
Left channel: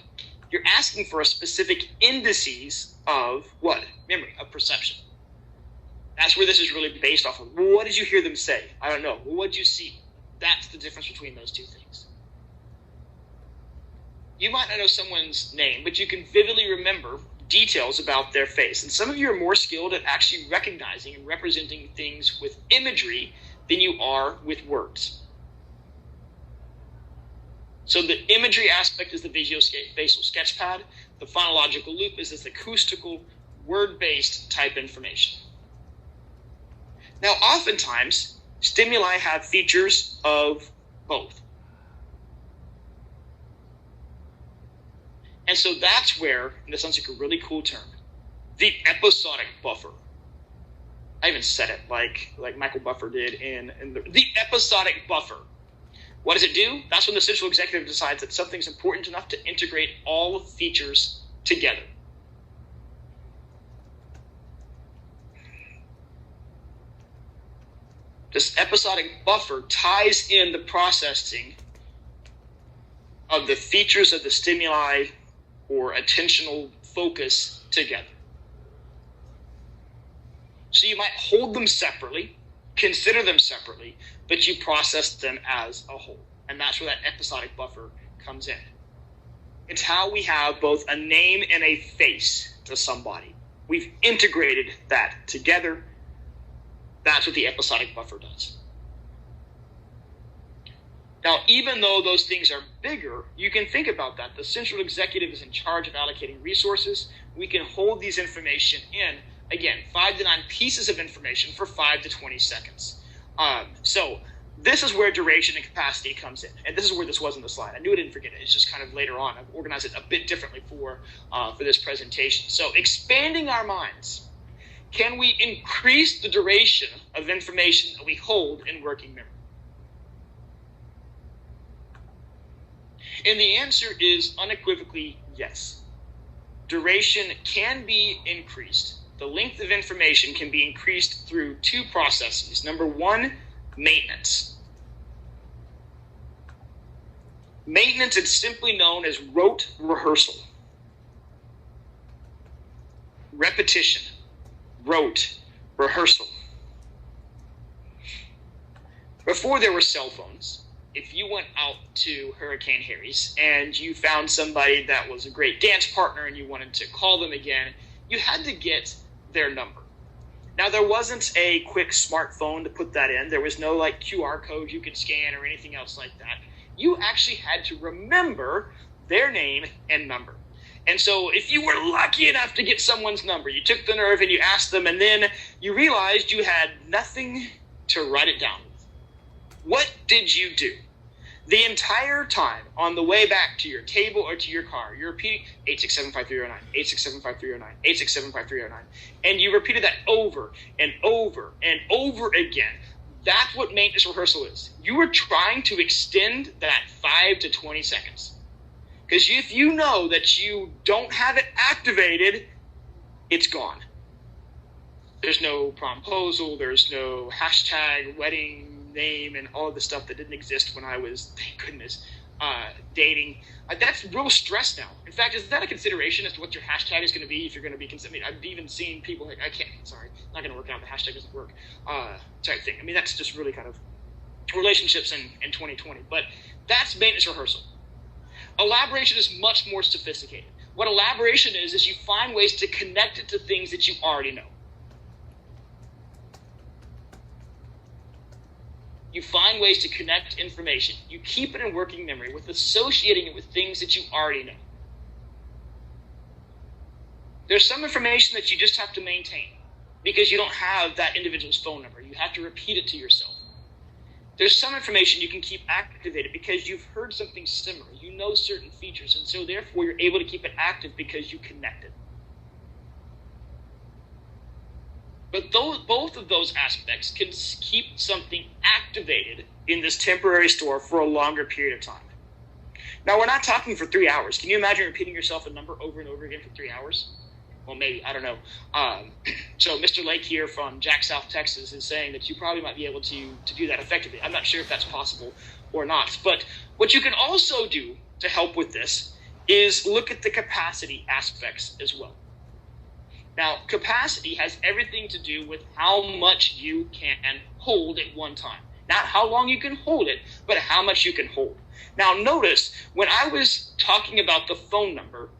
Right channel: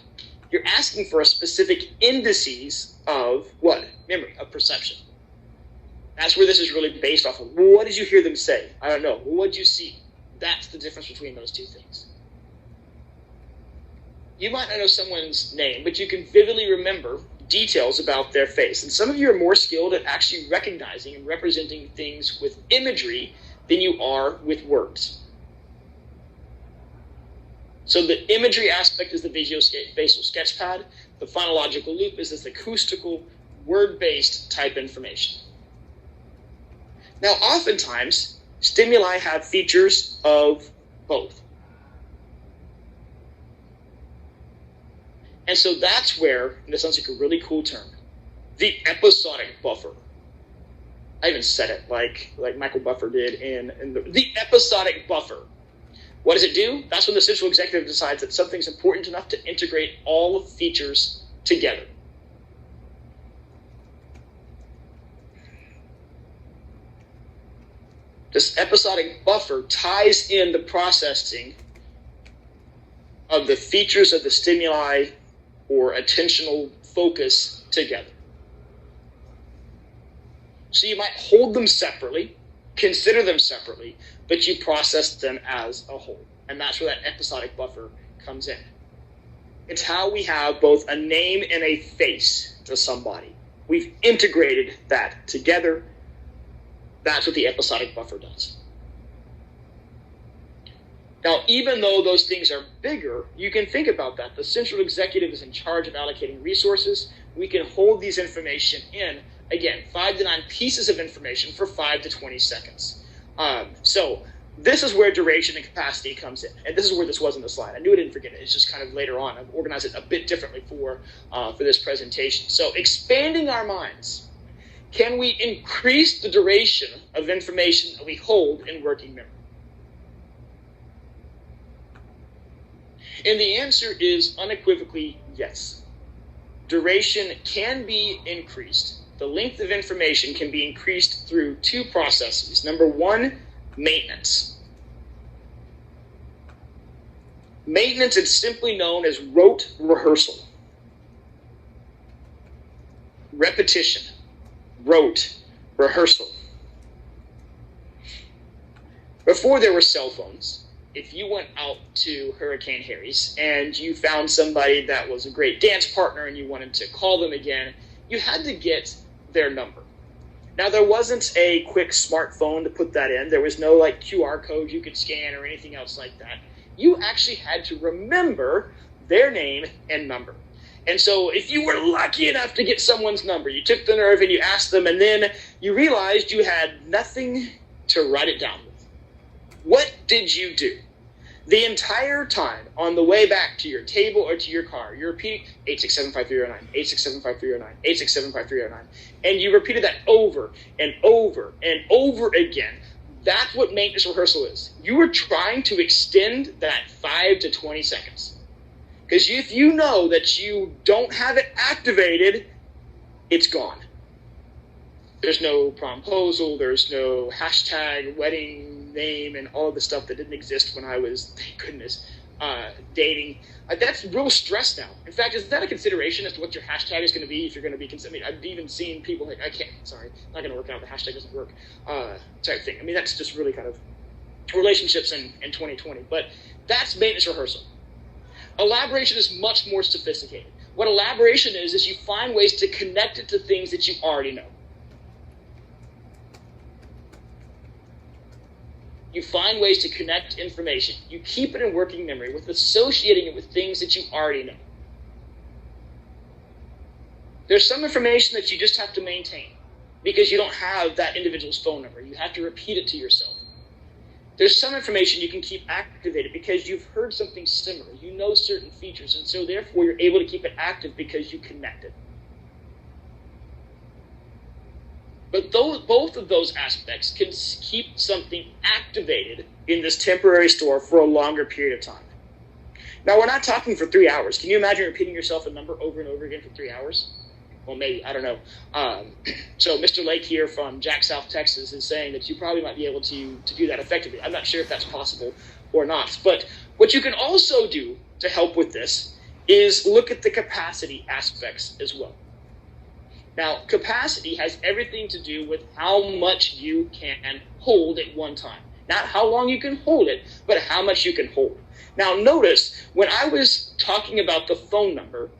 You're asking for a specific indices of what? Memory, of perception. That's where this is really based off of. Well, what did you hear them say? I don't know. Well, what did you see? That's the difference between those two things. You might not know someone's name, but you can vividly remember details about their face. And some of you are more skilled at actually recognizing and representing things with imagery than you are with words. So the imagery aspect is the visuospatial sketchpad. The phonological loop is this acoustical, word-based type information. Now, oftentimes, stimuli have features of both. And so that's where, and this sounds like a really cool term, the episodic buffer. I even said it like Michael Buffer did in the episodic buffer. What does it do? That's when the central executive decides that something's important enough to integrate all features together. This episodic buffer ties in the processing of the features of the stimuli or attentional focus together. So you might hold them separately, consider them separately, but you process them as a whole. And that's where that episodic buffer comes in. It's how we have both a name and a face to somebody. We've integrated that together. That's what the episodic buffer does. Now, even though those things are bigger, you can think about that. The central executive is in charge of allocating resources. We can hold these information in, again, 5 to 9 pieces of information for 5 to 20 seconds. So this is where duration and capacity comes in. And this is where this was in the slide. I knew I didn't forget it. It's just kind of later on. I've organized it a bit differently for this presentation. So expanding our minds. Can we increase the duration of information that we hold in working memory? And the answer is unequivocally yes. Duration can be increased. The length of information can be increased through 2 processes. Number 1, maintenance. Maintenance is simply known as rote rehearsal. Repetition. Rote rehearsal. Before there were cell phones, if you went out to Hurricane Harry's and you found somebody that was a great dance partner and you wanted to call them again, you had to get their number. Now, there wasn't a quick smartphone to put that in. There was no QR code you could scan or anything else like that. You actually had to remember their name and number. And so if you were lucky enough to get someone's number, you took the nerve and you asked them, and then you realized you had nothing to write it down with. What did you do? The entire time on the way back to your table or to your car, you repeat 8675309, 8675309, 8675309, and you repeated that over and over and over again. That's what maintenance rehearsal is. You were trying to extend that 5 to 20 seconds. Because if you know that you don't have it activated, it's gone. There's no promposal, there's no hashtag wedding name and all of the stuff that didn't exist when I was, thank goodness, dating. That's real stress now. In fact, is that a consideration as to what your hashtag is going to be if you're going to be considering? I've even seen people like, not going to work out, the hashtag doesn't work, type thing. I mean, that's just really kind of relationships in 2020. But that's maintenance rehearsal. Elaboration is much more sophisticated. What elaboration is you find ways to connect it to things that you already know. You find ways to connect information. You keep it in working memory with associating it with things that you already know. There's some information that you just have to maintain because you don't have that individual's phone number. You have to repeat it to yourself. There's some information you can keep activated because you've heard something similar. You know certain features, and so therefore you're able to keep it active because you connect it. But both of those aspects can keep something activated in this temporary store for a longer period of time. Now, we're not talking for 3 hours. Can you imagine repeating yourself a number over and over again for 3 hours? Well, maybe, I don't know. So Mr. Lake here from Jack, South Texas is saying that you probably might be able to do that effectively. I'm not sure if that's possible or not. But what you can also do to help with this is look at the capacity aspects as well. Now, capacity has everything to do with how much you can hold at one time. Not how long you can hold it, but how much you can hold. Now, notice, when I was talking about the phone number,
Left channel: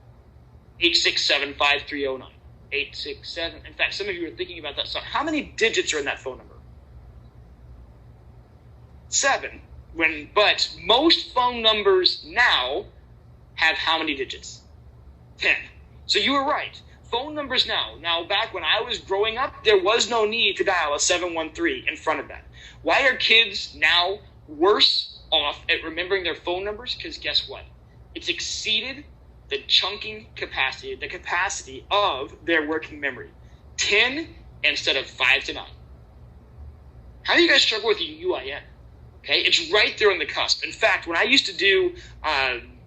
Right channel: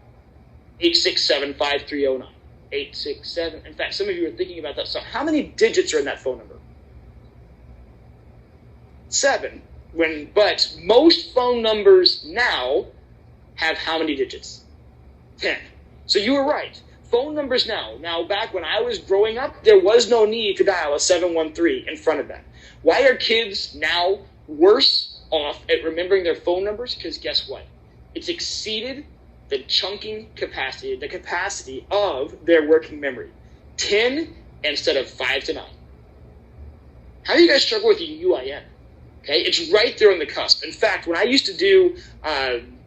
867-5309, 867, in fact, some of you are thinking about that. So how many digits are in that phone number? 7. But most phone numbers now have how many digits? 10. So you were right. Phone numbers now back when I was growing up, there was no need to dial a 713 in front of that. Why are kids now worse off at remembering their phone numbers? Because guess what? It's exceeded the chunking capacity, the capacity of their working memory. 10 instead of 5 to 9. How do you guys struggle with your UIN? Okay, it's right there on the cusp. In fact, when I used to do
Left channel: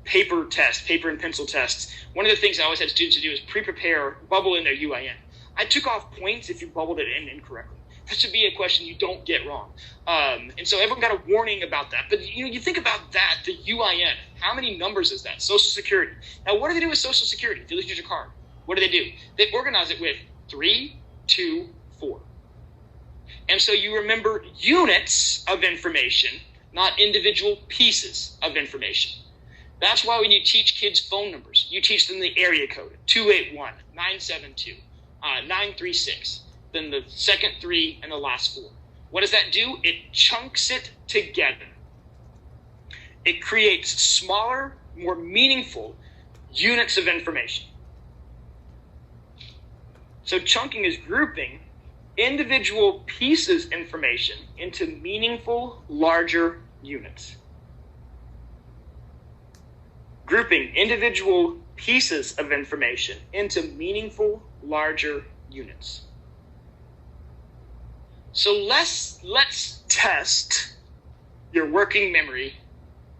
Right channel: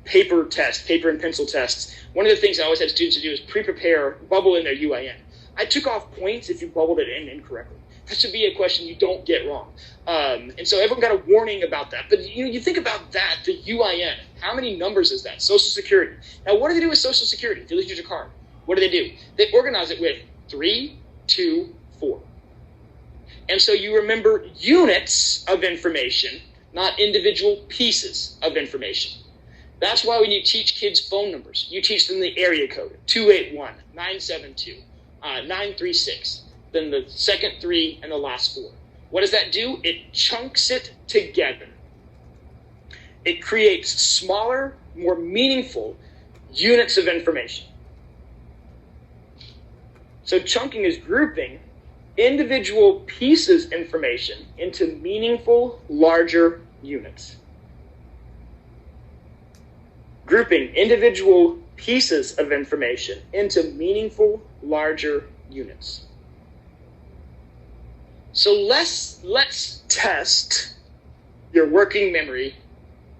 paper and pencil tests, one of the things I always had students to do is pre-prepare, bubble in their UIN. I took off points if you bubbled it in incorrectly. That should be a question you don't get wrong. And so everyone got a warning about that. But you think about that, the UIN. How many numbers is that? Social Security. Now, what do they do with Social Security? If you lose your card, what do? They organize it with 3, 2, 4. And so you remember units of information, not individual pieces of information. That's why when you teach kids phone numbers, you teach them the area code, 281, 972, 936, then the second 3 and the last 4. What does that do? It chunks it together. It creates smaller, more meaningful units of information. So chunking is grouping individual pieces of information into meaningful, larger units. Grouping individual pieces of information into meaningful, larger units. So let's test your working memory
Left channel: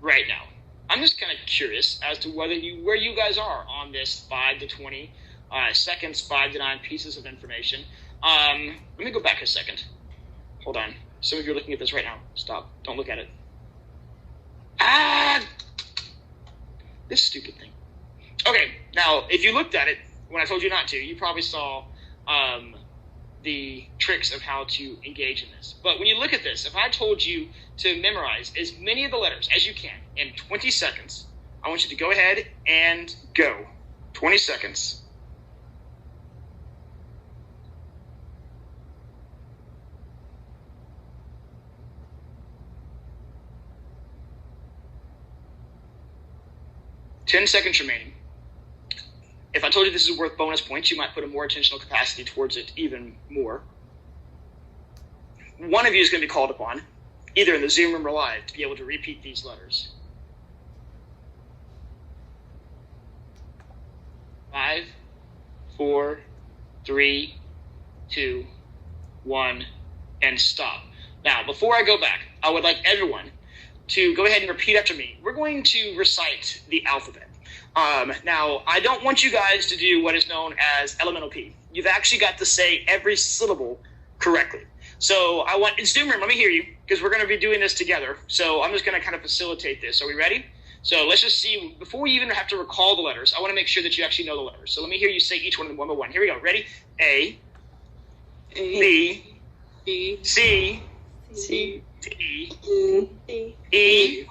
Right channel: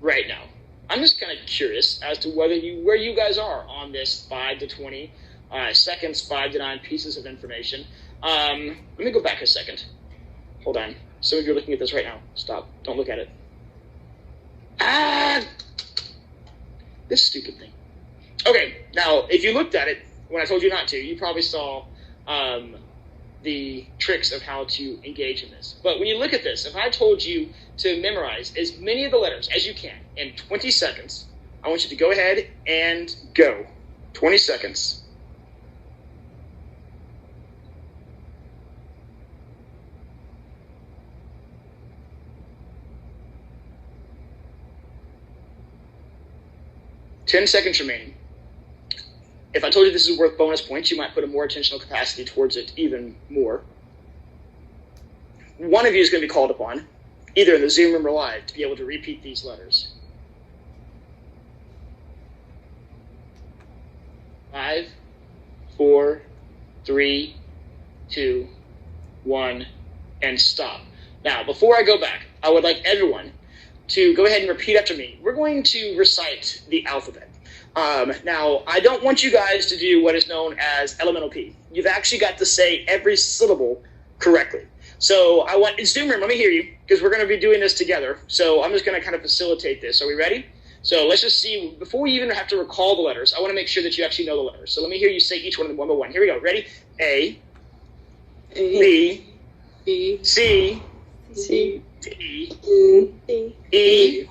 right now. I'm just kind of curious as to where you guys are on this 5 to 20 seconds, 5 to 9 pieces of information. Let me go back a second. Hold on. Some of you are looking at this right now. Stop. Don't look at it. This stupid thing. Okay, now, if you looked at it when I told you not to, you probably saw the tricks of how to engage in this. But when you look at this, if I told you to memorize as many of the letters as you can in 20 seconds, I want you to go ahead and go. 20 seconds. Ten seconds remaining. If I told you this is worth bonus points, you might put a more attentional capacity towards it even more. One of you is going to be called upon, either in the Zoom room or live, to be able to repeat these letters. 5, 4, 3, 2, 1, and stop. Now, before I go back, I would like everyone to go ahead and repeat after me. We're going to recite the alphabet. Now, I don't want you guys to do what is known as elemental P. You've actually got to say every syllable correctly. So I want, in Zoom room, let me hear you, because we're going to be doing this together. So I'm just going to kind of facilitate this. Are we ready? So let's just see, before we even have to recall the letters, I want to make sure that you actually know the letters. So let me hear you say each one of them one by one. Here we go. Ready? A, B, C, D, E,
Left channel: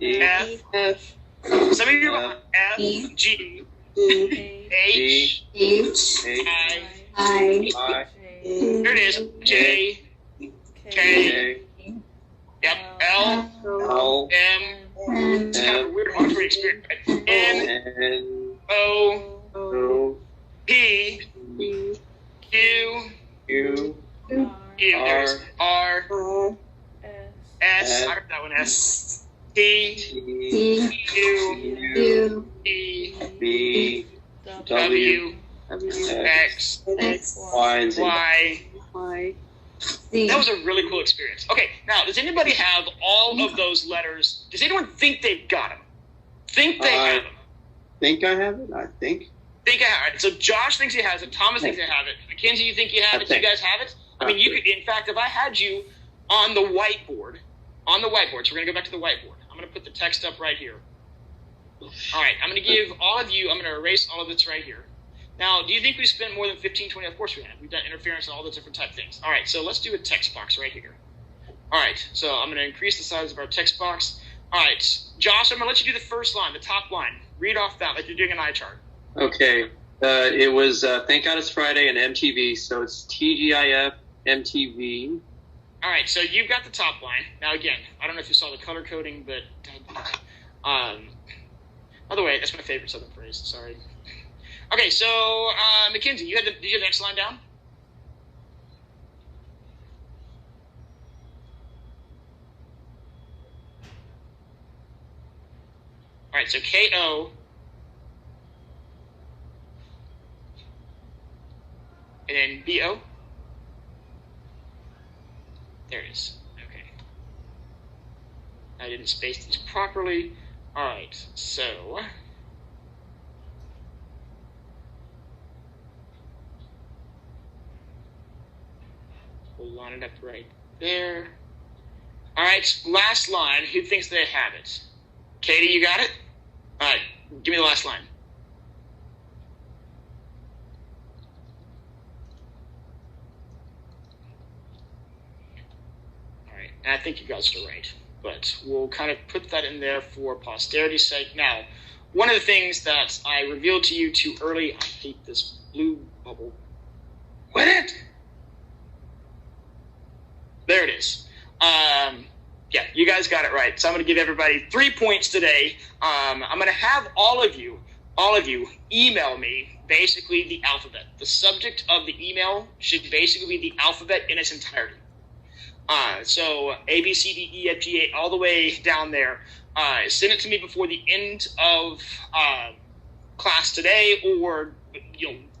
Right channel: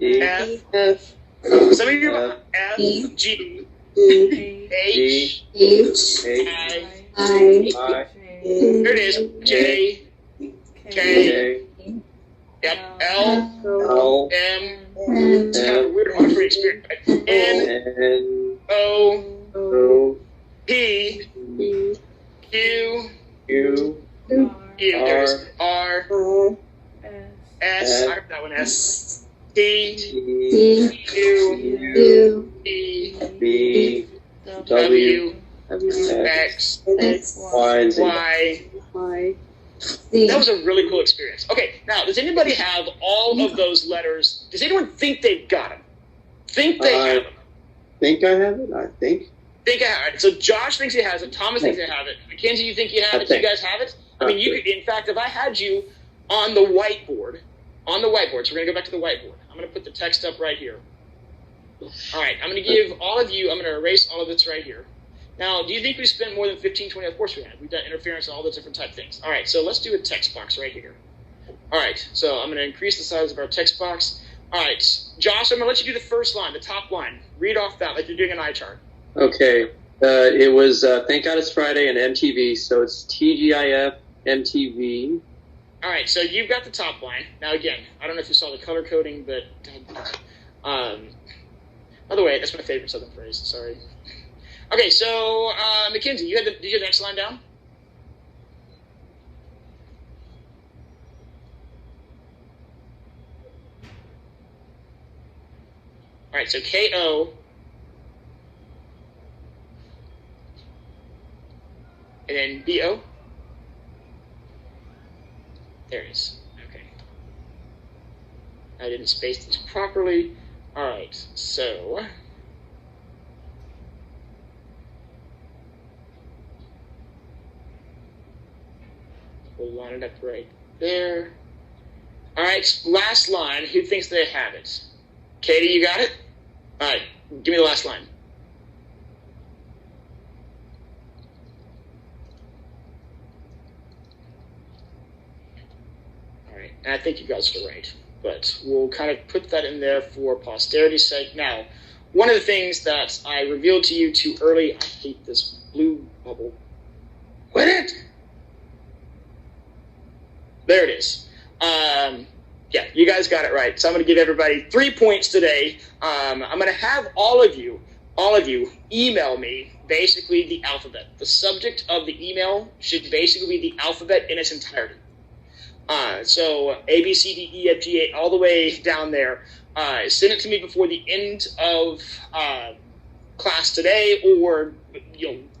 F. Some of you are F, G, H, I. There it is. J, K, yep, L, M. It's kind of a weird auditory experience. Right? N, O, P, Q, R, S. I heard that one. S. T, Q, E, B, W, X, Y, Z. That was a really cool experience. Okay, now, does anybody have all of those letters? Does anyone think they've got them? Think they have them? Think I have it? I think. Think I have it. So Josh thinks he has it. Thomas thinks he have it. Mackenzie, you think you have it? Do you guys have it? I mean, you could, in fact, if I had you on the whiteboard, so we're going to go back to the whiteboard. I'm going to put the text up right here. All right, I'm going to give all of you, I'm going to erase all of this right here. Now, do you think we spent more than 15, 20? Of course we have. We've done interference and all those different type of things. All right, so let's do a text box right here. All right, so I'm going to increase the size of our text box. All right, Josh, I'm going to let you do the first line, the top line. Read off that like you're doing an eye chart. Okay, it was Thank God It's Friday and MTV, so it's TGIF, MTV. All right, so you've got the top line. Now, again, I don't know if you saw the color coding, but by the way, that's my favorite Southern phrase. Sorry. Okay, so Mackenzie, did you have the next line down? All right, so KO. And then BO. There it is. Okay. I didn't space these properly. All right, so we'll line it up right there. All right, last line. Who thinks they have it? Katie, you got it? All right, give me the last line. All right, and I think you guys are right, but we'll kind of put that in there for posterity's sake. Now, one of the things that I revealed to you too early, I hate this blue bubble. Quit it! There it is. Yeah, you guys got it right. So I'm going to give everybody 3 points today. I'm going to have all of you email me basically the alphabet. The subject of the email should basically be the alphabet in its entirety. So A, B, C, D, E, F, G, A, all the way down there. Send it to me before the end of class today, or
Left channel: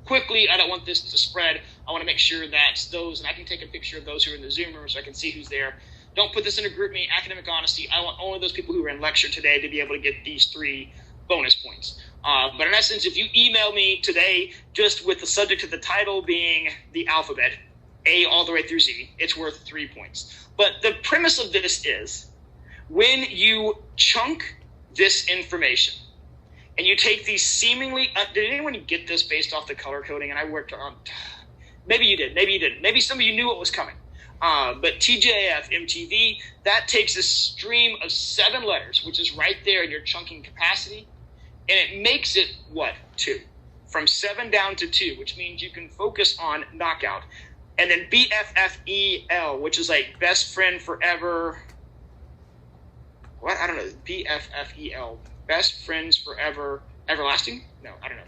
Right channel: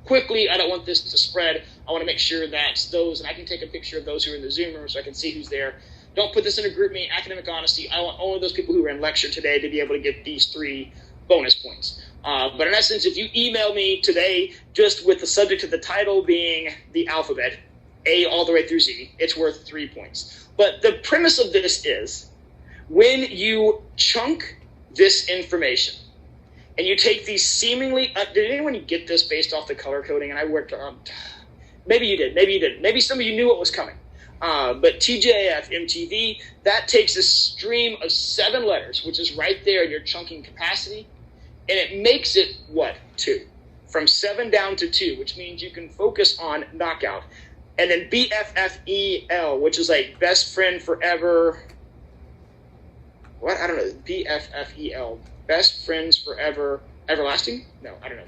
quickly. I don't want this to spread. I want to make sure that those, and I can take a picture of those who are in the Zoom room so I can see who's there. Don't put this in a group me, academic honesty. I want only those people who are in lecture today to be able to get these 3 bonus points. But in essence, if you email me today just with the subject of the title being the alphabet, A all the way through Z, it's worth 3 points. But the premise of this is when you chunk this information and you take these seemingly, did anyone get this based off the color coding? And I worked on, maybe you did, maybe you didn't. Maybe some of you knew what was coming. But TJF, MTV, that takes a stream of 7 letters, which is right there in your chunking capacity, and it makes it, what, 2? From 7 down to 2, which means you can focus on knockout. And then BFFEL, which is like best friend forever. What? I don't know. BFFEL, best friends forever, everlasting? No, I don't know.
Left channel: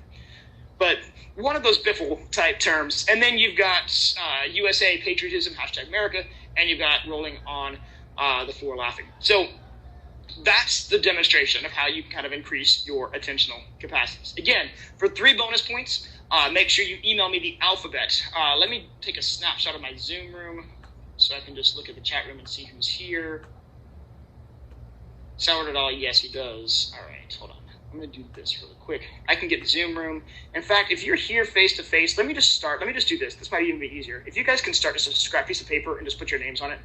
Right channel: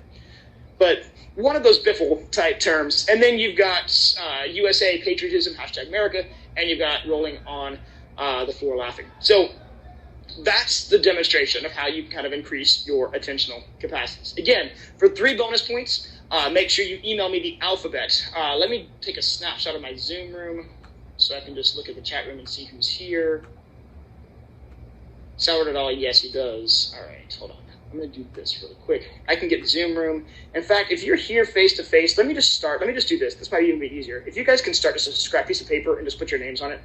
But one of those biffle type terms. And then you've got USA, patriotism, #America, and you've got rolling on the floor laughing. So that's the demonstration of how you kind of increase your attentional capacities. Again, for 3 bonus points, make sure you email me the alphabet. Let me take a snapshot of my Zoom room so I can just look at the chat room and see who's here. Sourdough at all? Yes, he does. All right, hold on. I'm going to do this really quick. I can get Zoom room. In fact, if you're here face-to-face, let me just do this. This might even be easier. If you guys can start just a scrap piece of paper and just put your names on it,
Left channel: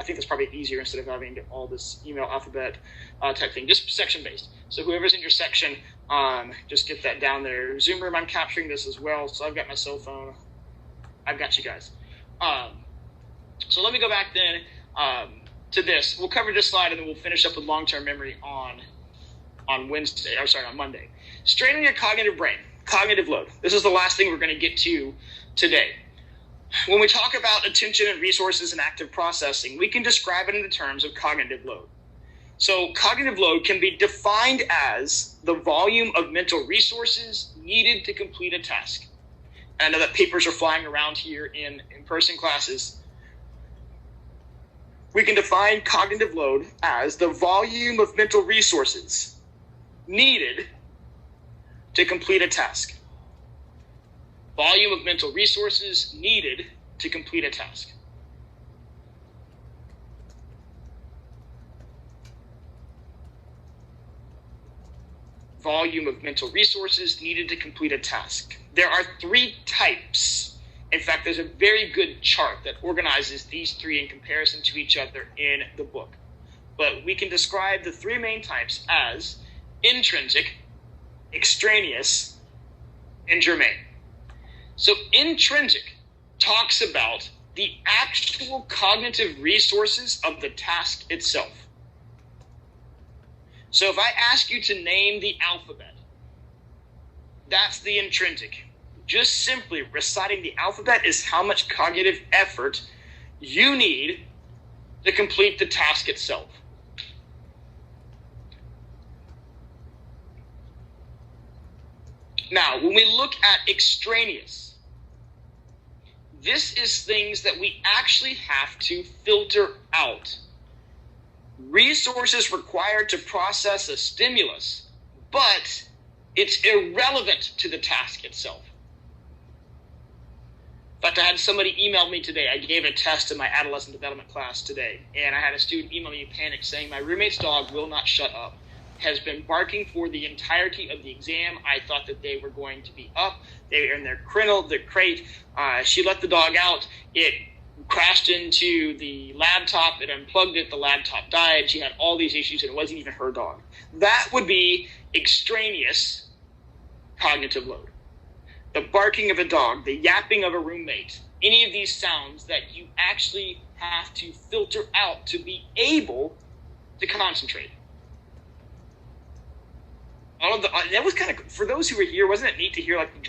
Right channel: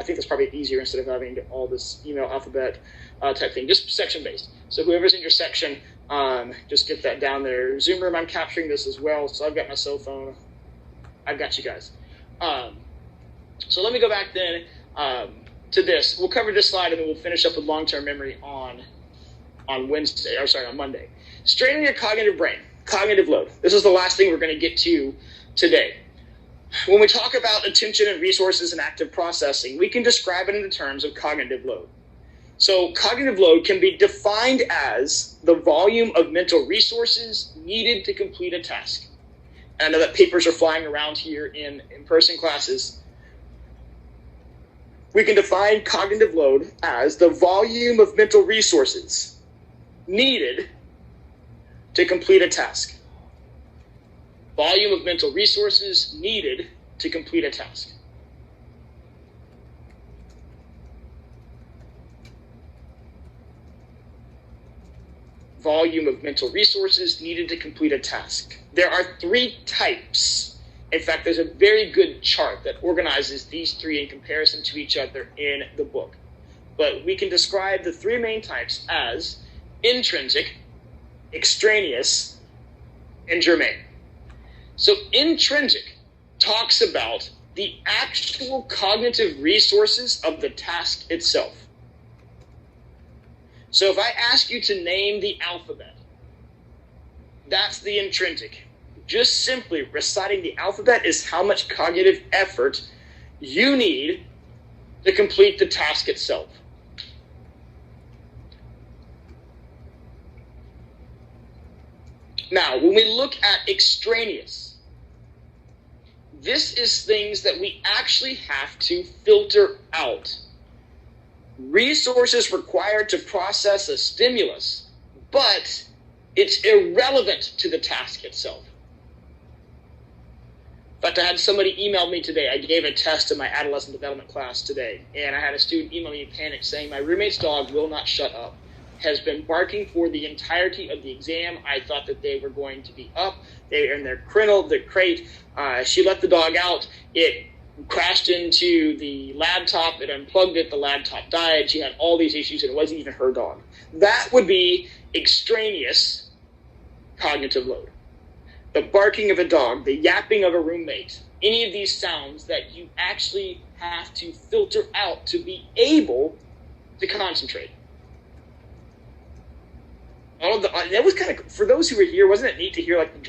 I think that's probably easier instead of having all this email alphabet type thing. Just section-based. So whoever's in your section, just get that down there. Zoom room, I'm capturing this as well, so I've got my cell phone. I've got you guys. So let me go back then to this. We'll cover this slide, and then we'll finish up with long-term memory on Monday. Straining your cognitive brain, cognitive load. This is the last thing we're going to get to today. When we talk about attention and resources and active processing, we can describe it in the terms of cognitive load. So cognitive load can be defined as the volume of mental resources needed to complete a task. And I know that papers are flying around here in in-person classes. We can define cognitive load as the volume of mental resources needed to complete a task. Volume of mental resources needed to complete a task. Volume of mental resources needed to complete a task. There are 3 types. In fact, there's a very good chart that organizes these 3 in comparison to each other in the book. But we can describe the 3 main types as intrinsic, extraneous, and germane. So intrinsic talks about the actual cognitive resources of the task itself. So if I ask you to name the alphabet, that's the intrinsic. Just simply reciting the alphabet is how much cognitive effort you need to complete the task itself. Now, when we look at extraneous, this is things that we actually have to filter out. Resources required to process a stimulus, but it's irrelevant to the task itself. In fact, I had somebody email me today. I gave a test in my adolescent development class today, and I had a student email me in panic saying, my roommate's dog will not shut up, has been barking for the entirety of the exam. I thought that they were going to be up. They were in their crate. She let the dog out. It crashed into the laptop. It unplugged it. The laptop died. She had all these issues, and it wasn't even her dog. That would be extraneous cognitive load. The barking of a dog, the yapping of a roommate, any of these sounds that you actually have to filter out to be able to concentrate. All of that was kind of, for those who were here, wasn't it neat to hear like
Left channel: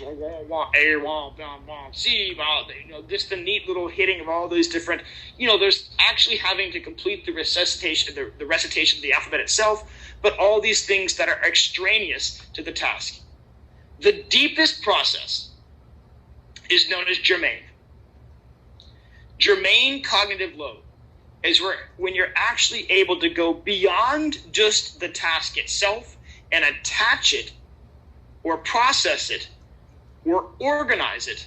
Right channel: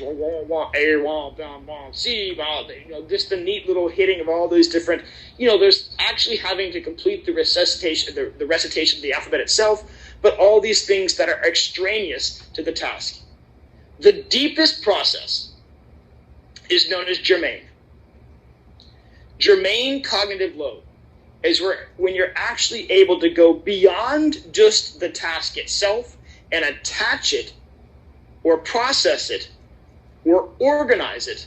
just the neat little hitting of all those different, there's actually having to complete the recitation of the alphabet itself, but all these things that are extraneous to the task. The deepest process is known as germane. Germane cognitive load is when you're actually able to go beyond just the task itself and attach it or process it or organize it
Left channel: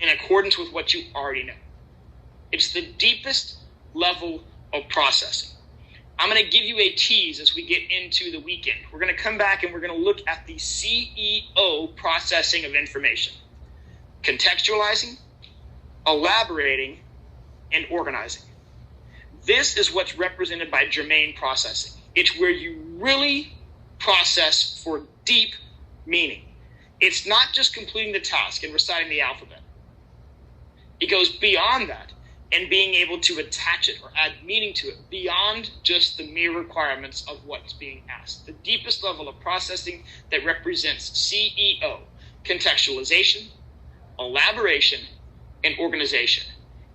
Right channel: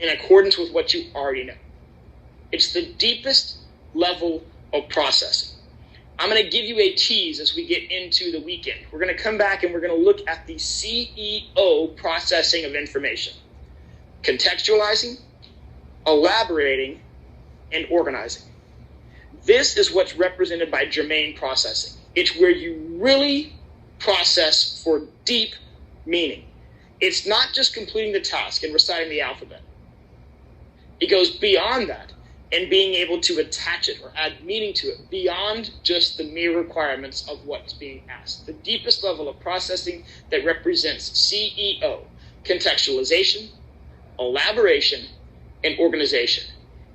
in accordance with what you already know. It's the deepest level of processing. I'm going to give you a tease as we get into the weekend. We're going to come back and we're going to look at the CEO processing of information. Contextualizing, elaborating, and organizing. This is what's represented by germane processing. It's where you really process for deep meaning. It's not just completing the task and reciting the alphabet. It goes beyond that and being able to attach it or add meaning to it beyond just the mere requirements of what's being asked. The deepest level of processing that represents CEO, contextualization, elaboration, and organization.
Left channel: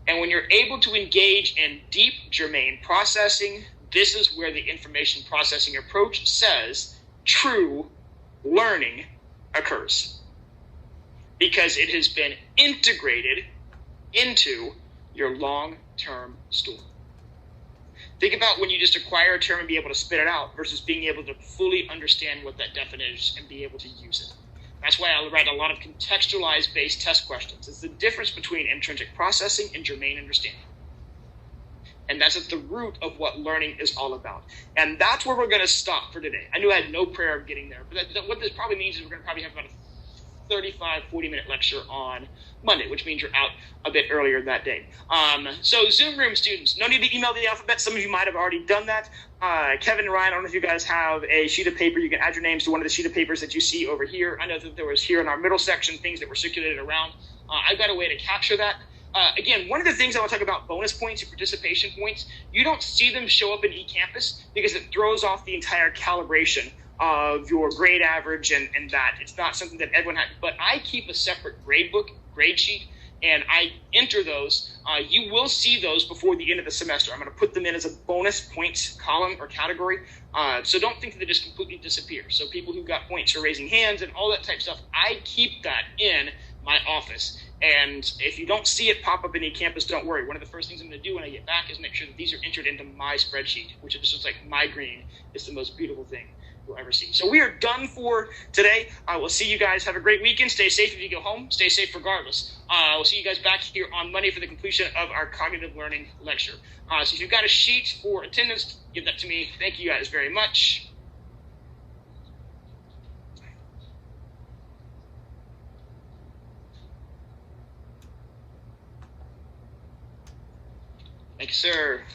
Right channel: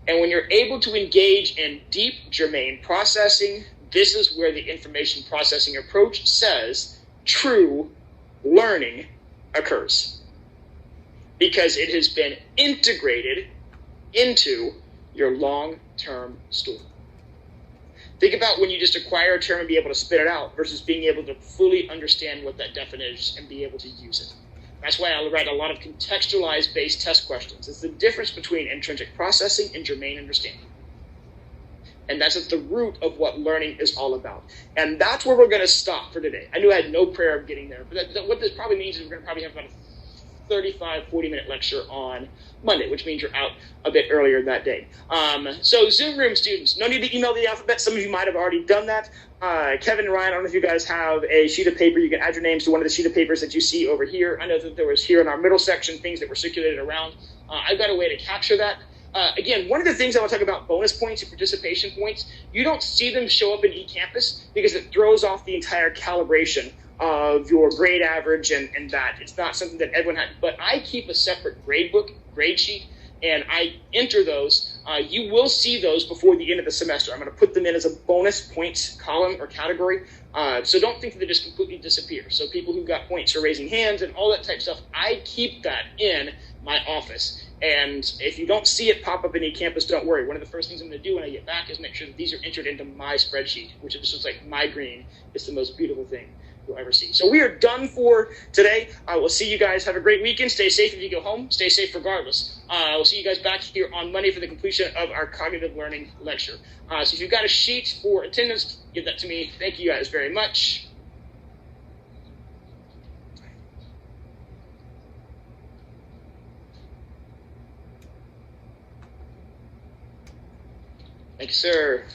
And when you're able to engage in deep germane processing, this is where the information processing approach says true learning occurs. Because it has been integrated into your long-term story. Think about when you just acquire a term and be able to spit it out versus being able to fully understand what that definition is and be able to use it. That's why I write a lot of contextualized based test questions. It's the difference between intrinsic processing and germane understanding. And that's at the root of what learning is all about. And that's where we're going to stop for today. I knew I had no prayer of getting there, but what this probably means is we're going to probably have about a 35, 40-minute lecture on Monday, which means you're out a bit earlier that day. So Zoom room students, no need to email the alphabet. Some of you might have already done that. Kevin and Ryan, I don't know if you guys have a sheet of paper. You can add your names to one of the sheet of papers that you see over here. I know that there was here in our middle section things that were circulated around. I've got a way to capture that. Again, one of the things I want to talk about, bonus points and participation points, you don't see them show up in eCampus because it throws off the entire calibration of your grade average and that. It's not something that everyone had. But I keep a separate grade book, grade sheet, and I enter those. You will see those before the end of the semester. I'm going to put them in as a bonus points column or category. So don't think that they just completely disappear. So people who got points are raising hands and all that type of stuff. I keep that in my office. And if you don't see it pop up in eCampus, don't worry. One of the first things I'm going to do when I get back is make sure that these are entered into my spreadsheet, which is just like my green. It's the most beautiful thing you'll ever see. So we are done for today. I will see you guys. Have a great weekend. Stay safe if you go home. Stay safe regardless. We'll see you guys back here on Monday for the completion of our cognitive learning lecture. So if you've got a sheet for attendance, give that to me. Thank you guys very much. Thank you, sir.